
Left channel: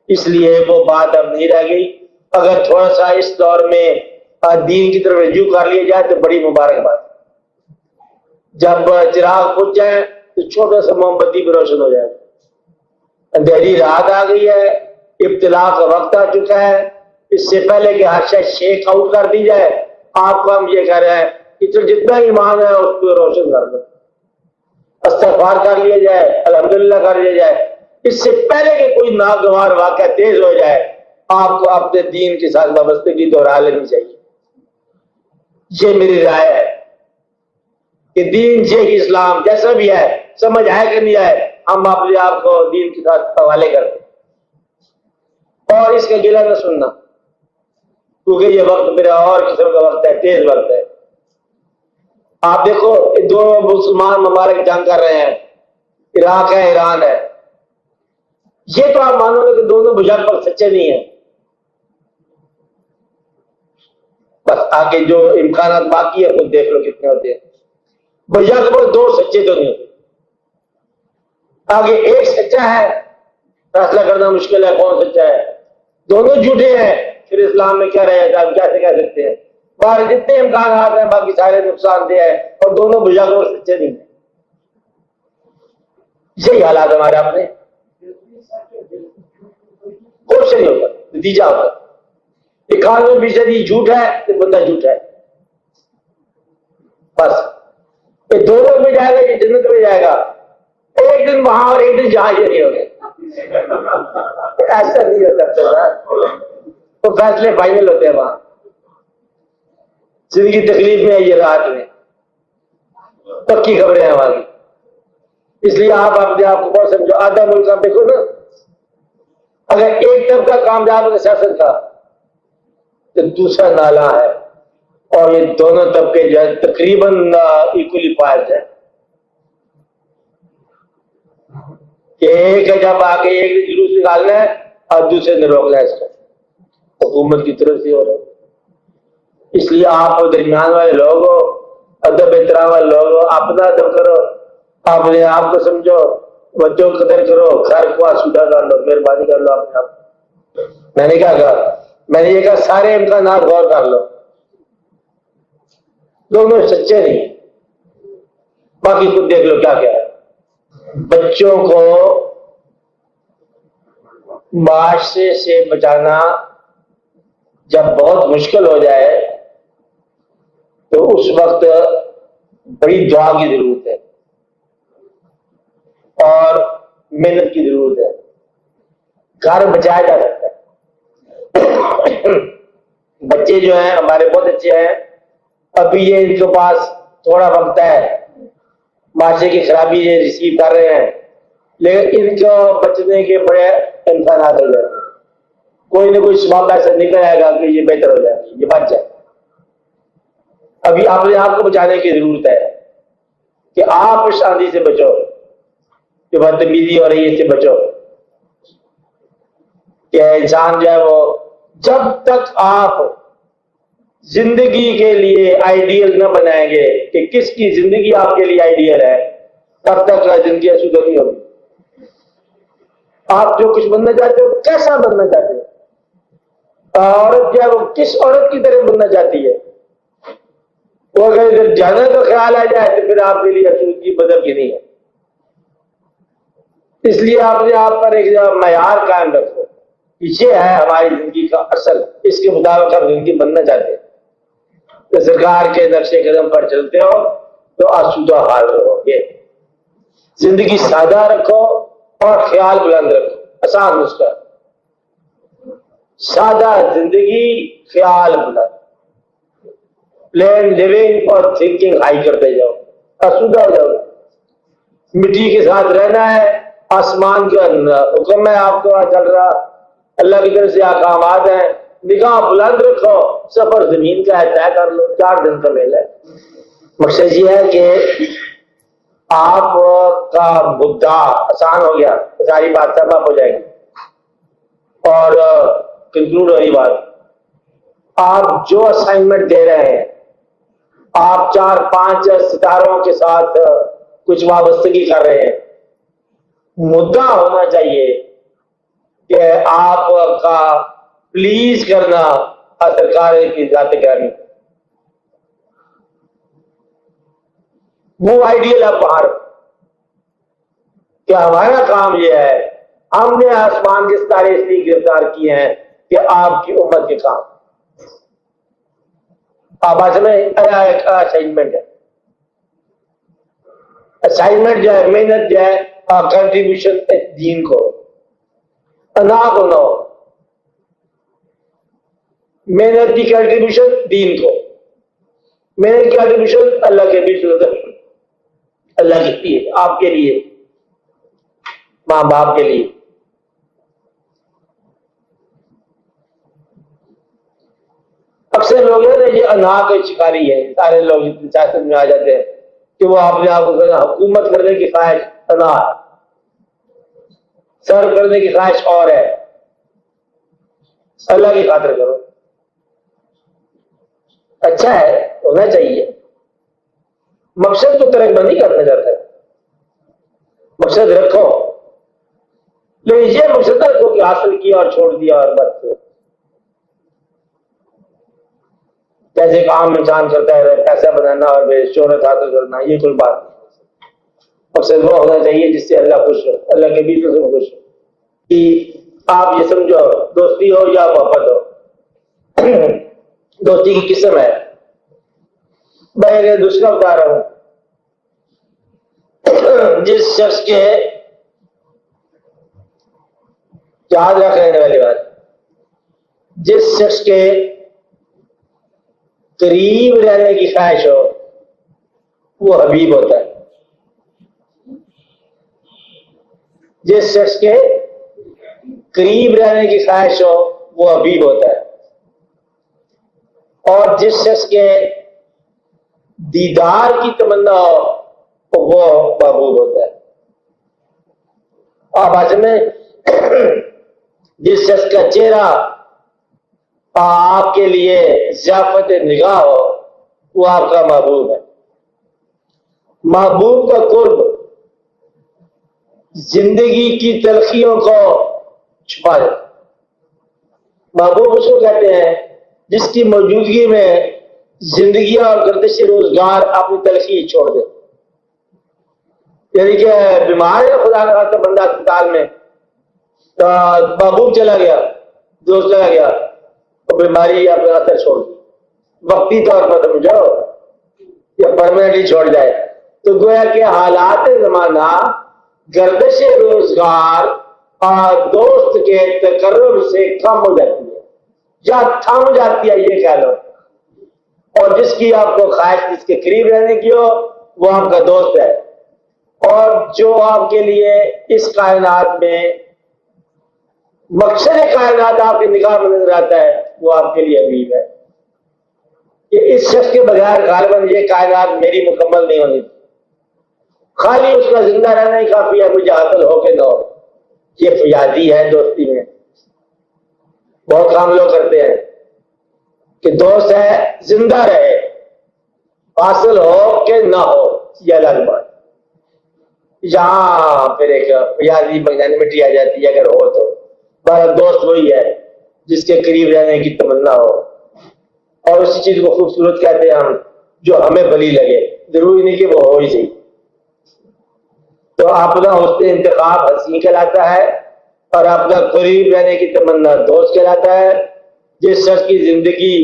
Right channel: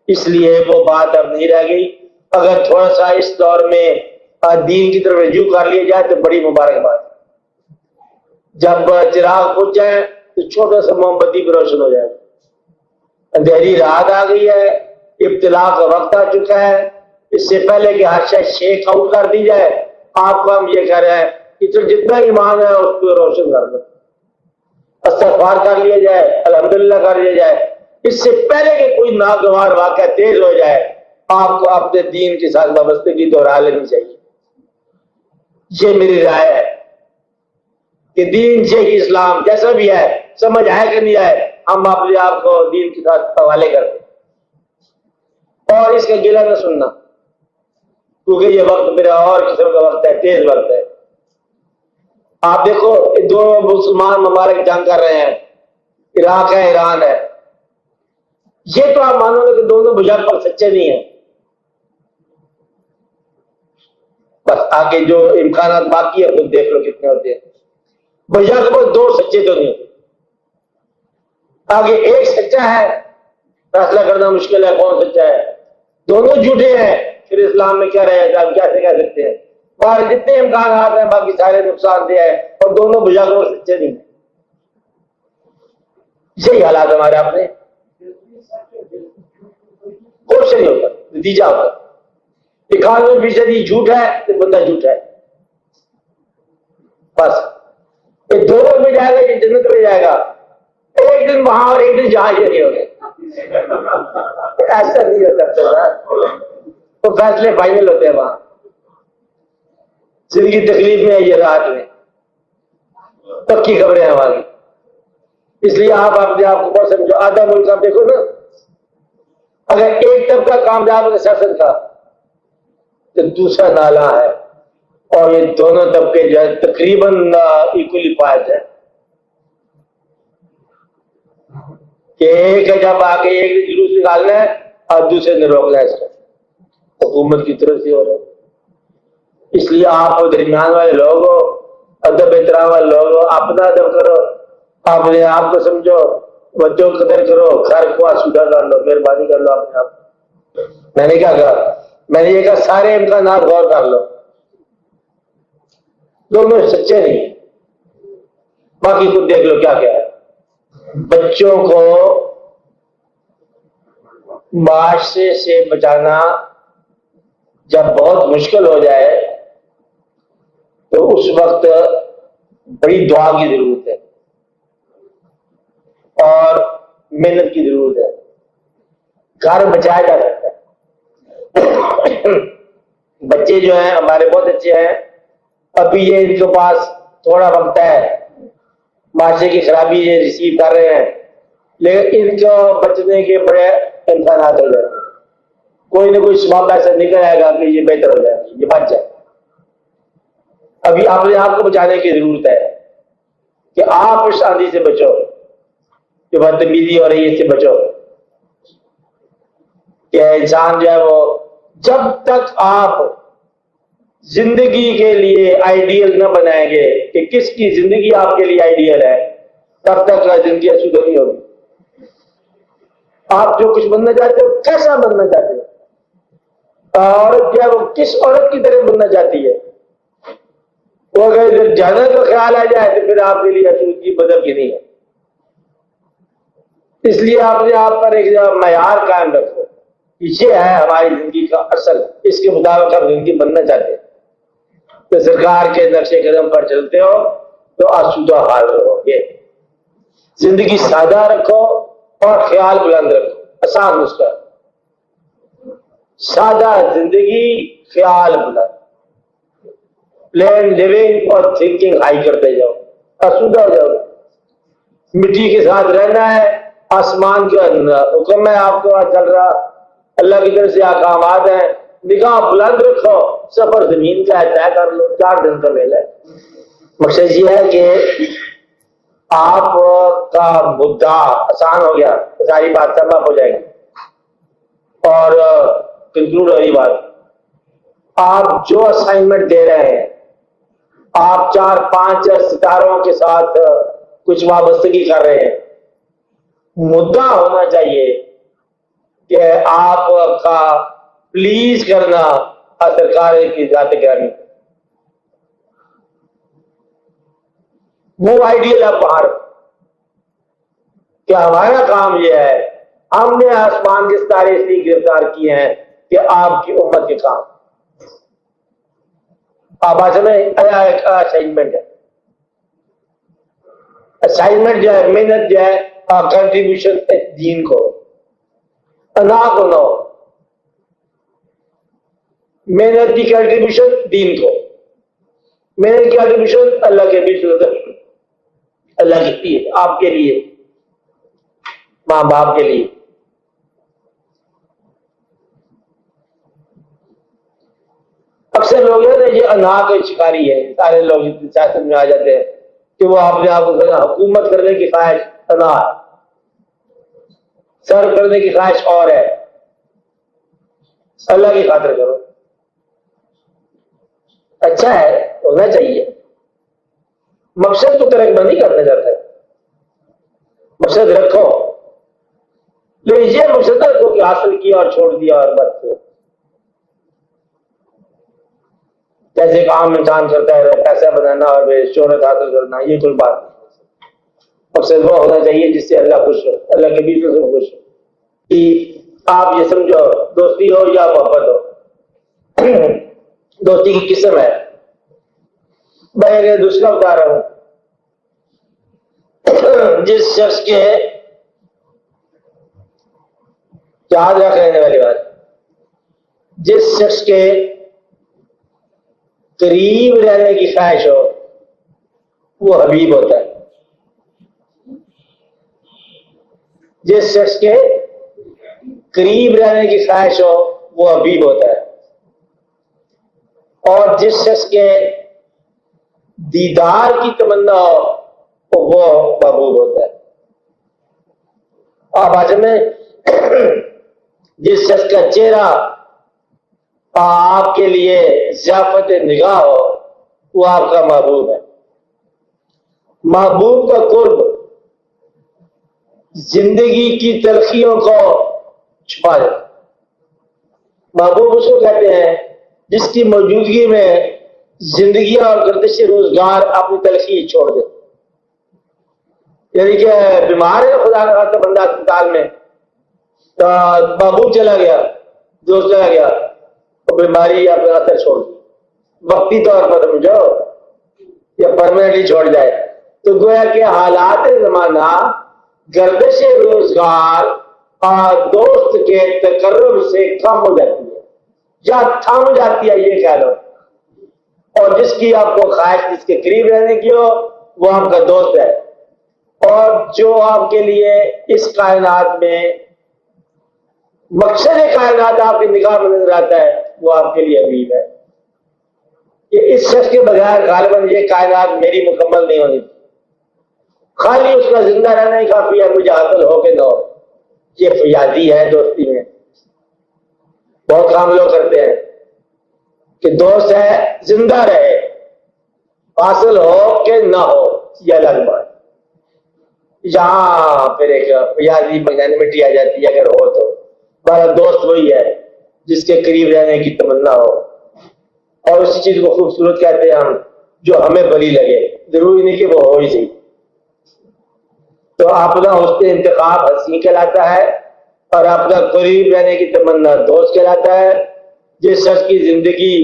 اس لیے وہ بات اب نہیں رہ گئی۔ اگر تھوڑا سا اس دور میں دین کی طرف رجوع کر لی جائے تو بڑی مبارک بات۔ جب چراغ بجھ جائے تو چھوٹا سا موم بتی بھی روشن ہو جائے۔ اندھیری رات آ گئی ہے، ابتلا کا وقت آ چکا ہے، اس سے پہلے کہ ہر شخص شیک آؤٹ کر دی جائے، آپ کو ہم یہ کہنا ہے کہ جتنا ایمان ہے اس کو روشن کر دو، استغفار کر لیا جائے، الحمدللہ کر لیا جائے، اس سے پہلے کہ کوئی ناگوار واقعہ تیز ہو جائے آپ کو اپنے دین کے ساتھ وابستگی دوہرا لینی چاہیے۔ یہ میری رائے ہے کہ دین صحیح اسلام جیسا بھی ہے، سمجھ ہے کہ نہیں ہے، ہم اپنے آپ کو دین کے ساتھ حوالے کرتے ہیں، اور اس کے گلہ نہ سننا، کیونکہ یہ وقت میرا اور قسم کا وقت ہے، تیز وقت ہے۔ آپ دیکھو دو مسلمان ممالک جنگ کر رہے ہیں، عراق ہے، ایران ہے، یہ تو آپ مانو گے کہ دونوں بجھاگ پر سچے نہیں ہیں، بس آگے جو امکانات باقی ہے وہ دیکھ لو کتنے ہوتے ہیں، بجھاگ پر دو سچے تو نہیں ہوتے، آگے ایک سچا ہے، فیصلہ کرنا مشکل ہے کون سچا ہے، دونوں جھوٹے ہیں، پھر اسلام میں کیا رہے گا، ہم کیا کہہ سکتے ہیں، اور جتنے امکانات ہیں باقی سارے نقصان دہ ہیں، اور دونوں بجھاگ پر سچے نہیں ہیں۔ یہی حالات ہمارے اپنے کچھ نہیں ہوگا، نتیجہ ہوگا 91% جھوٹ ہے تو بندہ جھوٹ ہے، بس یہ دونوں میں جائے گا کہ جنت میں جائے گا، ایک دن وہاں اور ایک دن جہاں یہ ہو گئے، ایسا نہیں ہو سکتا، تو فیصلے فائنل ہوتے ہیں وہاں، جن کی تکلیفیں ہیں یہ رات میں پکی خبریں ہیں وہاں کی۔ اس لیے آپ اپنے آپ کو سمجھو، آدھا ملک آپ دیکھو نا، اگر ایک طبقہ کامیاب ہو سیاست کا تو دوسرا نالا ہے، اور یہ دونوں طبقے جو ہے تقریباً ایکولی فائز ہیں، کہ ایک ہے جب آگے ایک جلوس نکالنا ہے اور دوسرے نے روکنا ہے، اس کو حکومت کی طرف سے ہو رہا ہے۔ اس لیے آپ درمیان والے لوگ ہو، ادب احترام والے لوگ ہو، اپنا ادب کرو، اپنے آپ کو سمجھو، بچوں کو قدر کرو، گھر کو آسودہ کر لو، مہربانی کر لو اپنے آپ۔ میں نے کیا کہا، میں نے کہا سارے امکانات غور کر لو، دونوں سچے نہیں ہیں، باقی خود دیکھ لو کیا کیا ہے۔ بچوں کو معاشرے سے بچانا جب بہت مشکل ہو جائے تو اس وقت بڑی دعا کی ضرورت ہے اور محنت کی ضرورت ہے۔ گھر بچانا ہے، بچے جو ہیں ہمارے بہت اچھے ہیں، ابھی یہ ان کے پاس تھوڑا وقت ہے، معاشرے کی خرابی یہ ریسیو کر رہے ہیں، لیکن ان کو بچنے کے بڑے امکانات ہو جائے، کوئی نہ کوئی سبب ایسا نکل آئے گا کہ یہ بہتر ہو جائے، یہ بچ جائے۔ ابھی اپنے آپ کو بچانے کی ضرورت ہے کہ آپ شادی سے بچو، کہ بدتمیزی ہو رہی ہے اس سے بچو، کہ انسان جو ہے وہ جب تک آپ زندگی کے لیے آئیڈیل نہ بنائیں گے کہ کس کی زندگی آپ کے لیے آئیڈیل ہے، تب تک زندگی اچھی نہیں ہوگی۔ آپ جو کچھ بننا چاہتے ہو کیسا بننا چاہتے ہو، اور جب کس عورت کی طرح بننا چاہتی ہے، اور جب جانا تو خیال آ جائے تو پھر آپ کے لیے زندگی بدل کے نہیں ہے۔ اس لیے آپ نے آپ پر ایک معیار قائم رکھو، پیچھے ہے ہماری زندگی کا اصل، اس کے مطابق ہم زندگی بننا چاہتے ہیں کہ سرکار کے نقش قدم پر چلتے ہو تو آسودہ حال رہو گے۔ زندگی سادہ رکھو اور خیال بلند رکھو، آسان نسخہ، سادہ زندگی، خیال بلند، پلین لیونگ اور تھنکنگ ہائی کرتے جاؤ، آسودہ ہو جاؤ۔ مٹی کے ساتھ رہنا ہے، آسمان کے اندر حکم ہے آپ کو چل رہا، اللہ کی طرف سے احکامات ہیں، نگاہ بلند رکھو، سفر زمین کا ہے، طے کر لو، 4 دن کا میلہ ہے۔ مقصد یہ ہے کہ آپ کا مدعا آسان ہو گیا، ساری بات سبب ہو جائے گی۔ اور کنکلوڈ والی بات، آپ جو اسائنمنٹ دے رہے ہیں، آپ 4-5 ستاروں کے ساتھ کچھ وابستگی کر رہے ہیں، مدعا ہونا چاہیے کہ آپ کا پلیز کرنا سرکار کی ذات گرامی ہے، وہ آئیڈیل ہے باہر کہ ہمارا کام یہ ہے، ہم نے آسمان کے ستارے اس لیے گرفتار کیے ہیں کہ آپ کی امت کے کام، آپ آج ہمیں اسائنمنٹ ہے، اسائنمنٹ جو ہے، محنت جو ہے، کنٹریبیوشن دین کو ادا کرنا، محنت کی کنٹریبیوشن دین کو، محنت کی کنٹریبیوشن اللہ کے لیے، اللہ کے لیے، آپ کے لیے، ماں باپ کے لیے۔ اکثر لوگوں نے یہ انا کا شکاری ہے، سارے لوگ سیاست میں آ جاتے ہیں کہ وہ اپنے آپ کو حکومت کرنے کی خواہش انا، سر کرنے کی خواہش اور ہے، اللہ کی خاطر کرو، اچھا ہے، ہونا چاہیے، مقصد کو ترک نہیں کرنا چاہتا، مقصد رکھو، لیکن یہ مقصد کو حاصل کیا اور چھوڑ دیا اور بس جیسے ایک عام انسان کرتا ہے پیسہ بنانا اور شہرت حاصل کرنا، یہ کوئی بات نہیں، مقصد وہ ہونا چاہیے جس سے اللہ خوش ہو، اللہ کے بیچ میں خوش ہو، کہ آپ یہ سمجھو دوستی ہو یا محبت ہو، دوستی کی قسم ہے، میں دشمن دار ہوں، جس شخص کے یاد رکھنے والی بات، جس شخص کے قریب رہنے کی خواہش ہو وہ حبیب ہوتا ہے، جس شخص کے قریب رہنے کی خواہش ہو وہ حبیب ہوتا ہے، اور جس شخص کے دیدار کی تمنا ہو وہ محبوب ہوتا ہے۔ آپ آج میں جس شخص کا چہرہ آپ کے لیے ضیافت نگاہ ہو وہ آپ کا محبوب ہے۔ محبوب کا قرب زندگی کی تلخیوں کو چھپا جائے، محبوب اس کو کہتے ہیں جس کی موجودگی میں زندگیاں گردش روزگار اپنی تلخی چھوڑ دے، یعنی کہ بیمار ہے خدا کا بندہ اسپتال میں، محبوب چلا گیا، دوست چلا گیا، تو بیماری اپنا اثر چھوڑ دی، وقتی طور پر سمجھو یا پرماننٹلی چھوڑ جائے، تو گویا کہ حالات زمانہ گردش روزگار اور دوست کے تقرب سے کم ہو جاتی ہے یا تھم جاتی ہے، یہ کہہ لو، اور جس کی آپ کو خواہش جس کے قریب رہنے کی ہو وہ آپ کا دوست ہے، اور جو آپ کے لیے اس کائنات میں مقصد کائنات آپ کی نگاہ میں نظر آتا ہے وہ آپ کے لیے حبیب ہے، کہ اس شخص کے بغیر غالباً یہ کائنات میری مکمل نہیں ہوئی، خالی اس میں زندہ رہنا ہی کافی ہے، مجھے حاصل ہو کے دو، یہ فیاضی ہے دوستی میں، بہت کام لوگ کرتے ہیں کہ دوست ہے زندہ رہے، حاصل ہو کہ نہ ہو یہ الگ بات، یہاں پھر ایک فیاضی مٹی آ جاتی ہے، اگر ہو تو ہمارا دوست وہی ہے جس کے قریب رہنے کی تمنا ہو، اور اس چیز کو خوبصورت کہتے ہیں ہم جو ہمیں بلی لگے، ضروری نہیں کہ وہ ہو ہی صحیح، تو اپنا حسن انتخاب ہنسی کہلاتا ہے، اور اپنا قریب رہنے کی تمنا دوست کہلاتا ہے۔ جس شخص کی زندگی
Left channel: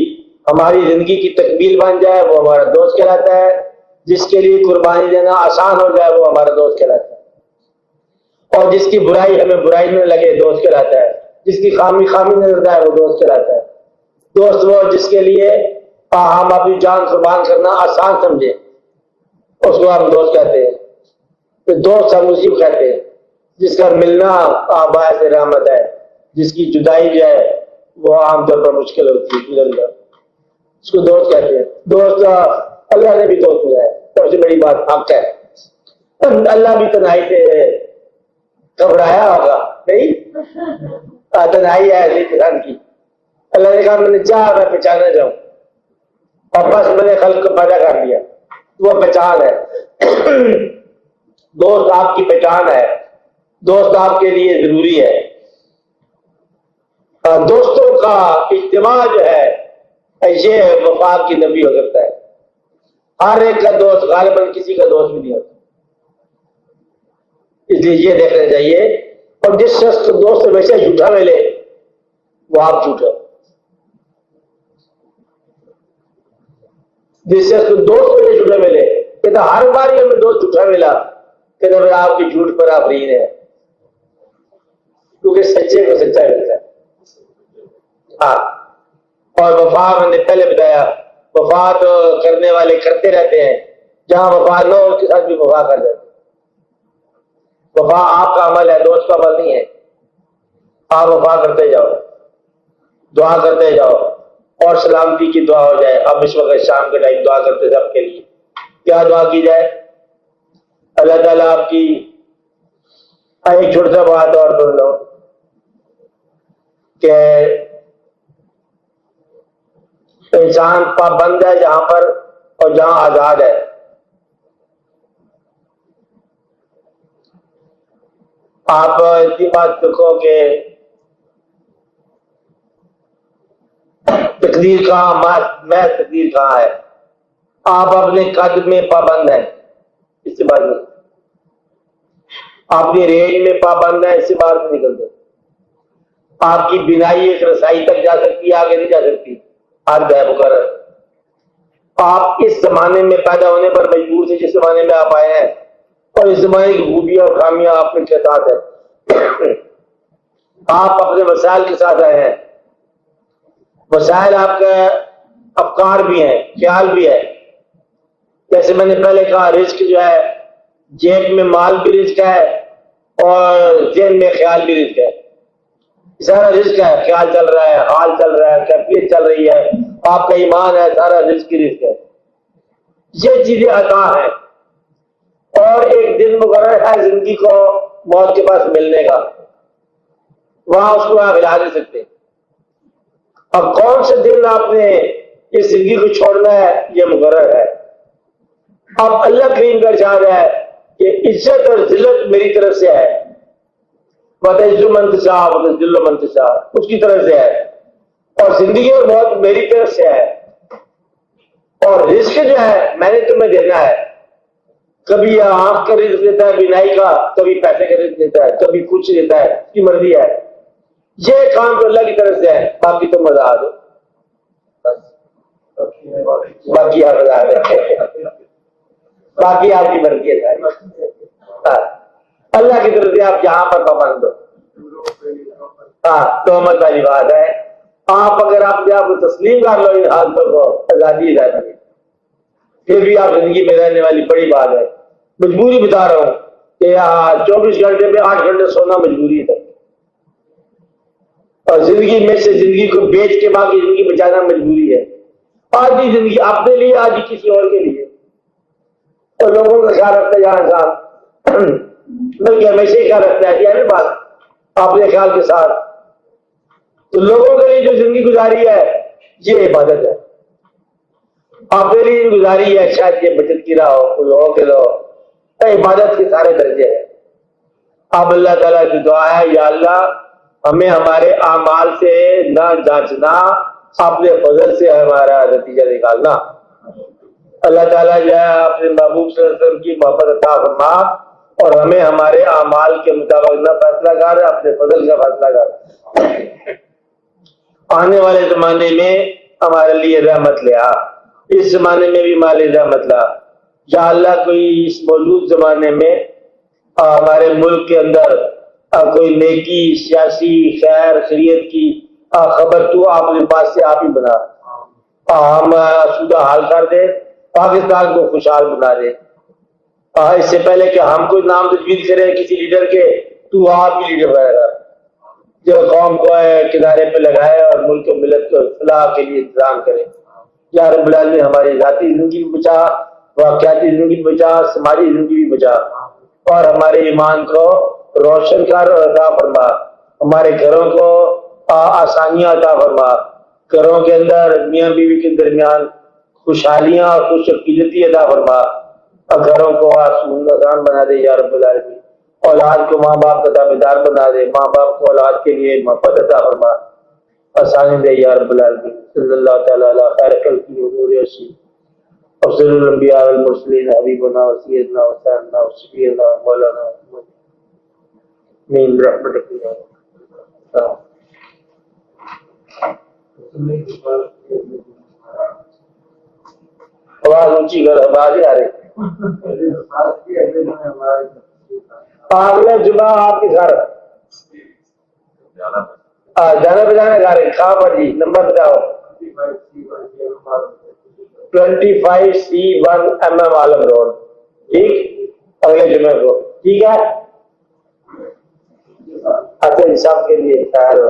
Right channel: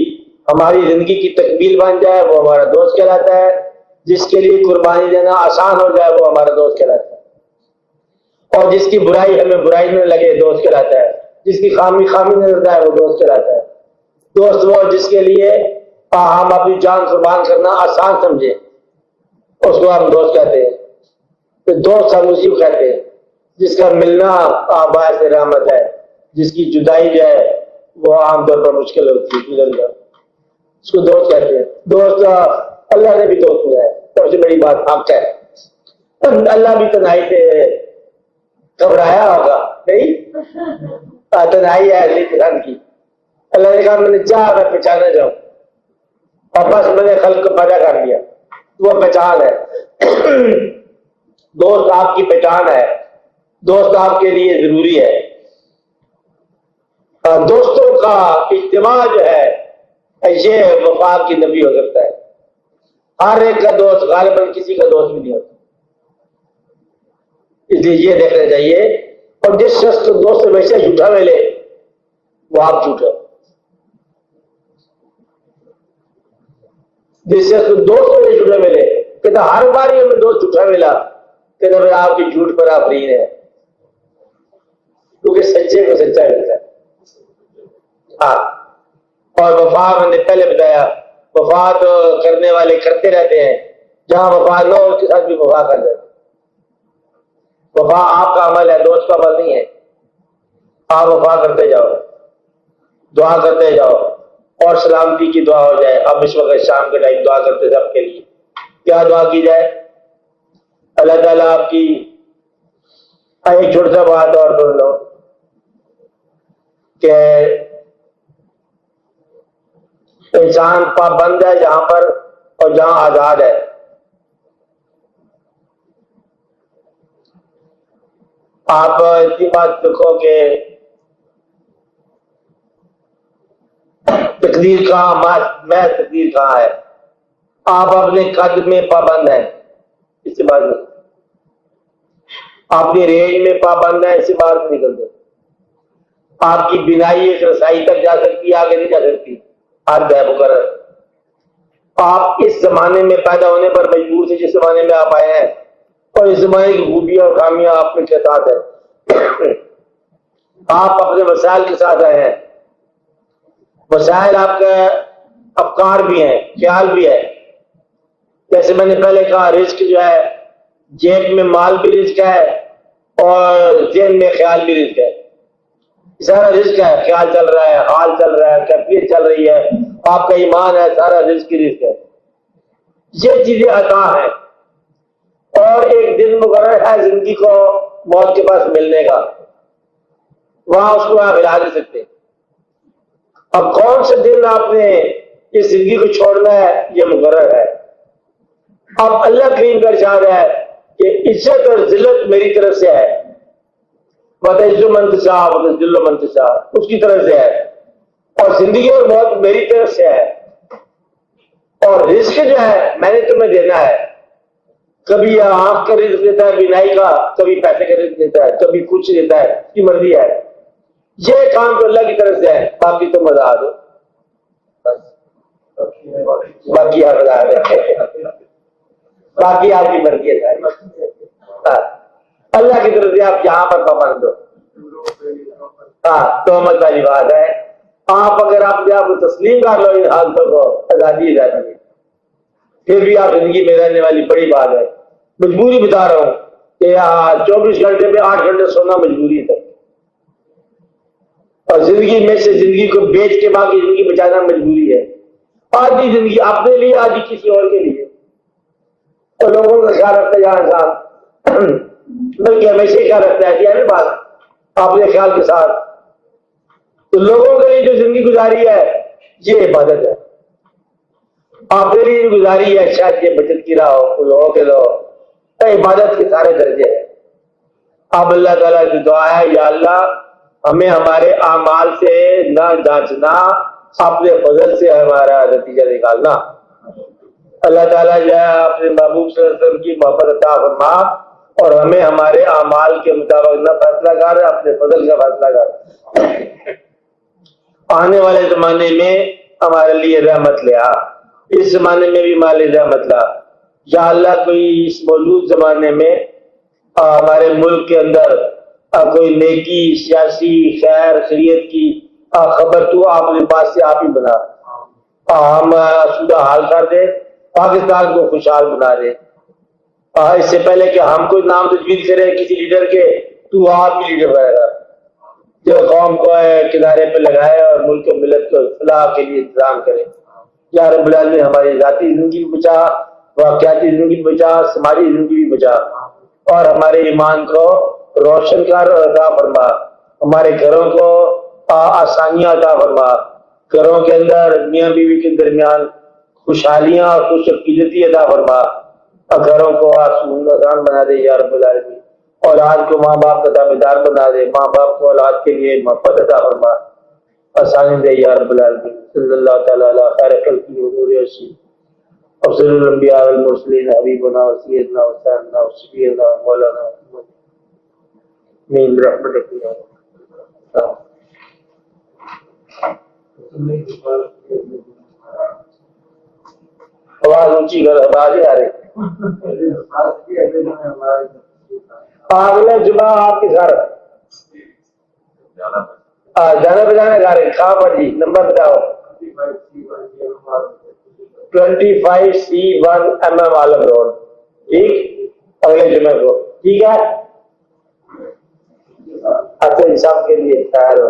ہماری زندگی کی تکمیل بن جائے وہ ہمارا دوست کہلاتا ہے، جس کے لیے قربانی دینا آسان ہو جائے وہ ہمارا دوست کہلاتا ہے، اور جس کی برائی ہمیں برائی میں لگے دوست کہلاتا ہے، جس کی خامی خامی میں نظر آئے وہ دوست کہلاتا ہے۔ دوست وہ جس کے لیے ہم اپنی جان قربان کرنا آسان سمجھیں، اس کو ہم دوست کہتے ہیں۔ تو دوست ہم اسی کو کہتے ہیں جس کا ملنا باعث رحمت ہے، جس کی جدائی جو ہے وہ عام طور پر مشکل ہوتی ہے، اس کو دوست کہتے ہیں۔ دوست اللہ نے بھی دوست ہے، سب سے بڑی بات حق ہے۔ اللہ بھی تنہائی سے گھبرایا ہوگا نہیں، تنہائی ہے اہلی قسم کی۔ اللہ نے کہا میں نے چاہ میں پہچانے جاؤں، اور بس میں نے خلق کو پیدا کر لیا، وہ پہچان ہے۔ دوست آپ کی پہچان ہے، دوست آپ کے لیے ضروری ہے۔ دوستوں کا اجتماع جو ہے یہ وفا کی نبی ہو سکتا ہے۔ ہر ایک کا دوست غالباً کسی کا دوست بھی نہیں ہوتا، اس لیے یہ دیکھنا چاہیے۔ اور جس شخص کو دوست ہمیشہ جھوٹا ملے وہ آپ جھوٹا، جس شخص کو دوست ہمیں جھوٹا ملے کہ ہر بار ہمیں دوست جھوٹا ملا کہ آپ کی جھوٹ پر آپ رہی ہے، کیونکہ سچے کو سچا ملتا ہے۔ اور وفا میں نے پہلے بتایا، وفا تو کرنے والے کرتے رہتے ہیں، جہاں وفا نہ ہو اس کے ساتھ بھی وفا کر دیں۔ وفا آپ کا عمل ہے، دوست کا عمل نہیں ہے۔ آپ وفا کرتے جاؤ، دعا کرتے جاؤ، اور سلامتی کی دعا ہو جائے۔ اب اس وقت شام کے ٹائم دعا کرتے سب کے لیے، کیا دعا کی جائے؟ اللہ تعالیٰ آپ کی ایک چھوٹی سا بات اور سن لو کہ انسان پابند ہے جہاں پر اور جہاں آزاد ہے۔ آپ اتنی بات دیکھو کہ تقدیر کہاں، میں تقدیر کہاں ہے، آپ اپنے قد میں پابند ہے، اسی بات میں آپ کی ریل میں پابند ہے، اسی بات نہیں کرتے۔ آپ کی بینائی ایک رسائی تک جا سکتی ہے، آگے نہیں جا سکتی، حد ہے مقرر۔ آپ اس زمانے میں پیدا ہونے پر مجبور سے جس زمانے میں آپ آئے ہیں، اور اس زمانے کی خوبیاں اور خامیاں آپ کے ساتھ ہے۔ آپ اپنے وسائل کے ساتھ آئے ہیں، وسائل آپ کا افکار بھی ہے، خیال بھی ہے۔ جیسے میں نے پہلے کہا رزق جو ہے جیب میں مال بھی رزق ہے اور ذہن میں خیال بھی رزق ہے۔ سارا رزق ہے، خیال چل رہا ہے، حال چل رہا ہے، کیفیت چل رہی ہے، آپ کا ایمان ہے، سارا رزق کی رزق ہے۔ یہ چیزیں عطا ہے، اور ایک دن مقرر ہے زندگی کو موت کے پاس ملنے کا، وہاں اس کو آپ ہلا دے سکتے ہیں۔ اب کون سے دن آپ نے اس زندگی کو چھوڑنا ہے یہ مقرر ہے۔ اب اللہ کریم کا ارشاد ہے کہ عزت اور ذلت میری طرف سے ہے، وَتَعِزُّ مَن تَشَاءُ وَتُذِلُّ مَن تَشَاءُ اس کی طرف سے ہے، اور زندگی اور موت میری طرف سے ہے۔ اور رزق جو ہے میں نے تمہیں دینا ہے، کبھی آنکھ کا رزق دیتا ہے بینائی کا، کبھی پیسے کا رزق دیتا ہے، کبھی کچھ دیتا ہے، اس کی مرضی ہے۔ یہ کام اللہ کی طرف سے ہے، باقی تم بتا دو، باقی آپ بتا دو، باقی آپ کی مرضی ہے۔ اللہ کی طرف سے آپ یہاں پر پابند ہو۔ تہمت والی بات ہے، آپ اگر اپنے آپ کو تسلیم کر لو ان حال پر آزادی رہتی ہے، پھر بھی آپ زندگی میں رہنے والی بڑی بات ہے۔ مجبوری بتا رہا ہوں کہ 24 گھنٹے میں 8 گھنٹے سونا مجبوری ہے، اور زندگی میں سے زندگی کو بیچ کے باقی زندگی بچانا مجبوری ہے۔ آج بھی زندگی اپنے لیے، آج بھی کسی اور کے لیے، اور لوگوں کا خیال رکھتے جا انسان بلکہ ہمیشہ کیا رکھنا ہے یہ بات اپنے خیال کے ساتھ۔ تو لوگوں کے لیے جو زندگی گزاری ہے یہ عبادت ہے، اپنے لیے گزاری ہے شاید یہ بچت کی رہا ہو، لوگوں کے لوگ عبادت کے سارے درجے ہیں۔ اب اللہ تعالیٰ کی دعا ہے یا اللہ ہمیں ہمارے اعمال سے نہ جانچنا، اپنے فضل سے ہمارا نتیجہ نکالنا۔ اللہ تعالیٰ جو ہے اپنے محبوب صلی اللہ علیہ وسلم کی محبت عطا فرما اور ہمیں ہمارے اعمال کے مطابق نہ فیصلہ کر رہے، اپنے فضل کا فیصلہ کر۔ آنے والے زمانے میں ہمارے لیے رحمت لے آ، اس زمانے میں بھی ہمارے رحمت لا یا اللہ۔ کوئی اس موجود زمانے میں ہمارے ملک کے اندر کوئی نیکی، سیاسی خیر خیریت کی خبر تو آپ کے پاس سے آپ ہی بنا، ہم صورت حال کر دیں، پاکستان کو خوشحال بنا دیں۔ اس سے پہلے کہ ہم کوئی نام تجویز کریں کسی لیڈر کے، تو آپ مل کے بڑھے جو قوم کو کنارے پہ لگائے اور ملک و ملت کو اصلاح کے لیے انتظام کرے۔ یا رب العالمین ہماری ذاتی زندگی بچا، واقعاتی زندگی بچا، سماجی زندگی بچا، اور ہمارے ایمان کو روشن کر اور عطا فرما، ہمارے گھروں کو آسانیاں عطا فرما، گھروں کے اندر میاں بیوی کے درمیان خوشحالیاں اور خوش عقیدتی عطا فرما، اور گھروں کو آسان بنا دے یا رب العالمین۔ اولاد کو ماں باپ کا تابع دار بنا دے، ماں باپ کو اولاد کے لیے محبت عطا فرما، آسانی دے یا رب العالمین۔ صلی اللہ تعالیٰ علیہ خیر خلقہ حضور رسول افضل الانبیاء والمرسلین حبیبنا سیدنا وسلمنا شفیعنا مولانا محمد من رحمتک یا اللہ۔ آواز اونچی کر، آواز آ رہی۔ اگلے جمعہ آپ کی گھر جانا بجانا گا رہے کہاں پر جی؟ نمبر بتاؤ۔ 25C1 MM عالم روڈ، ٹھیک؟ اگلے جمعہ کو، ٹھیک ہے؟ اپنے حساب کے لیے تیار ہو۔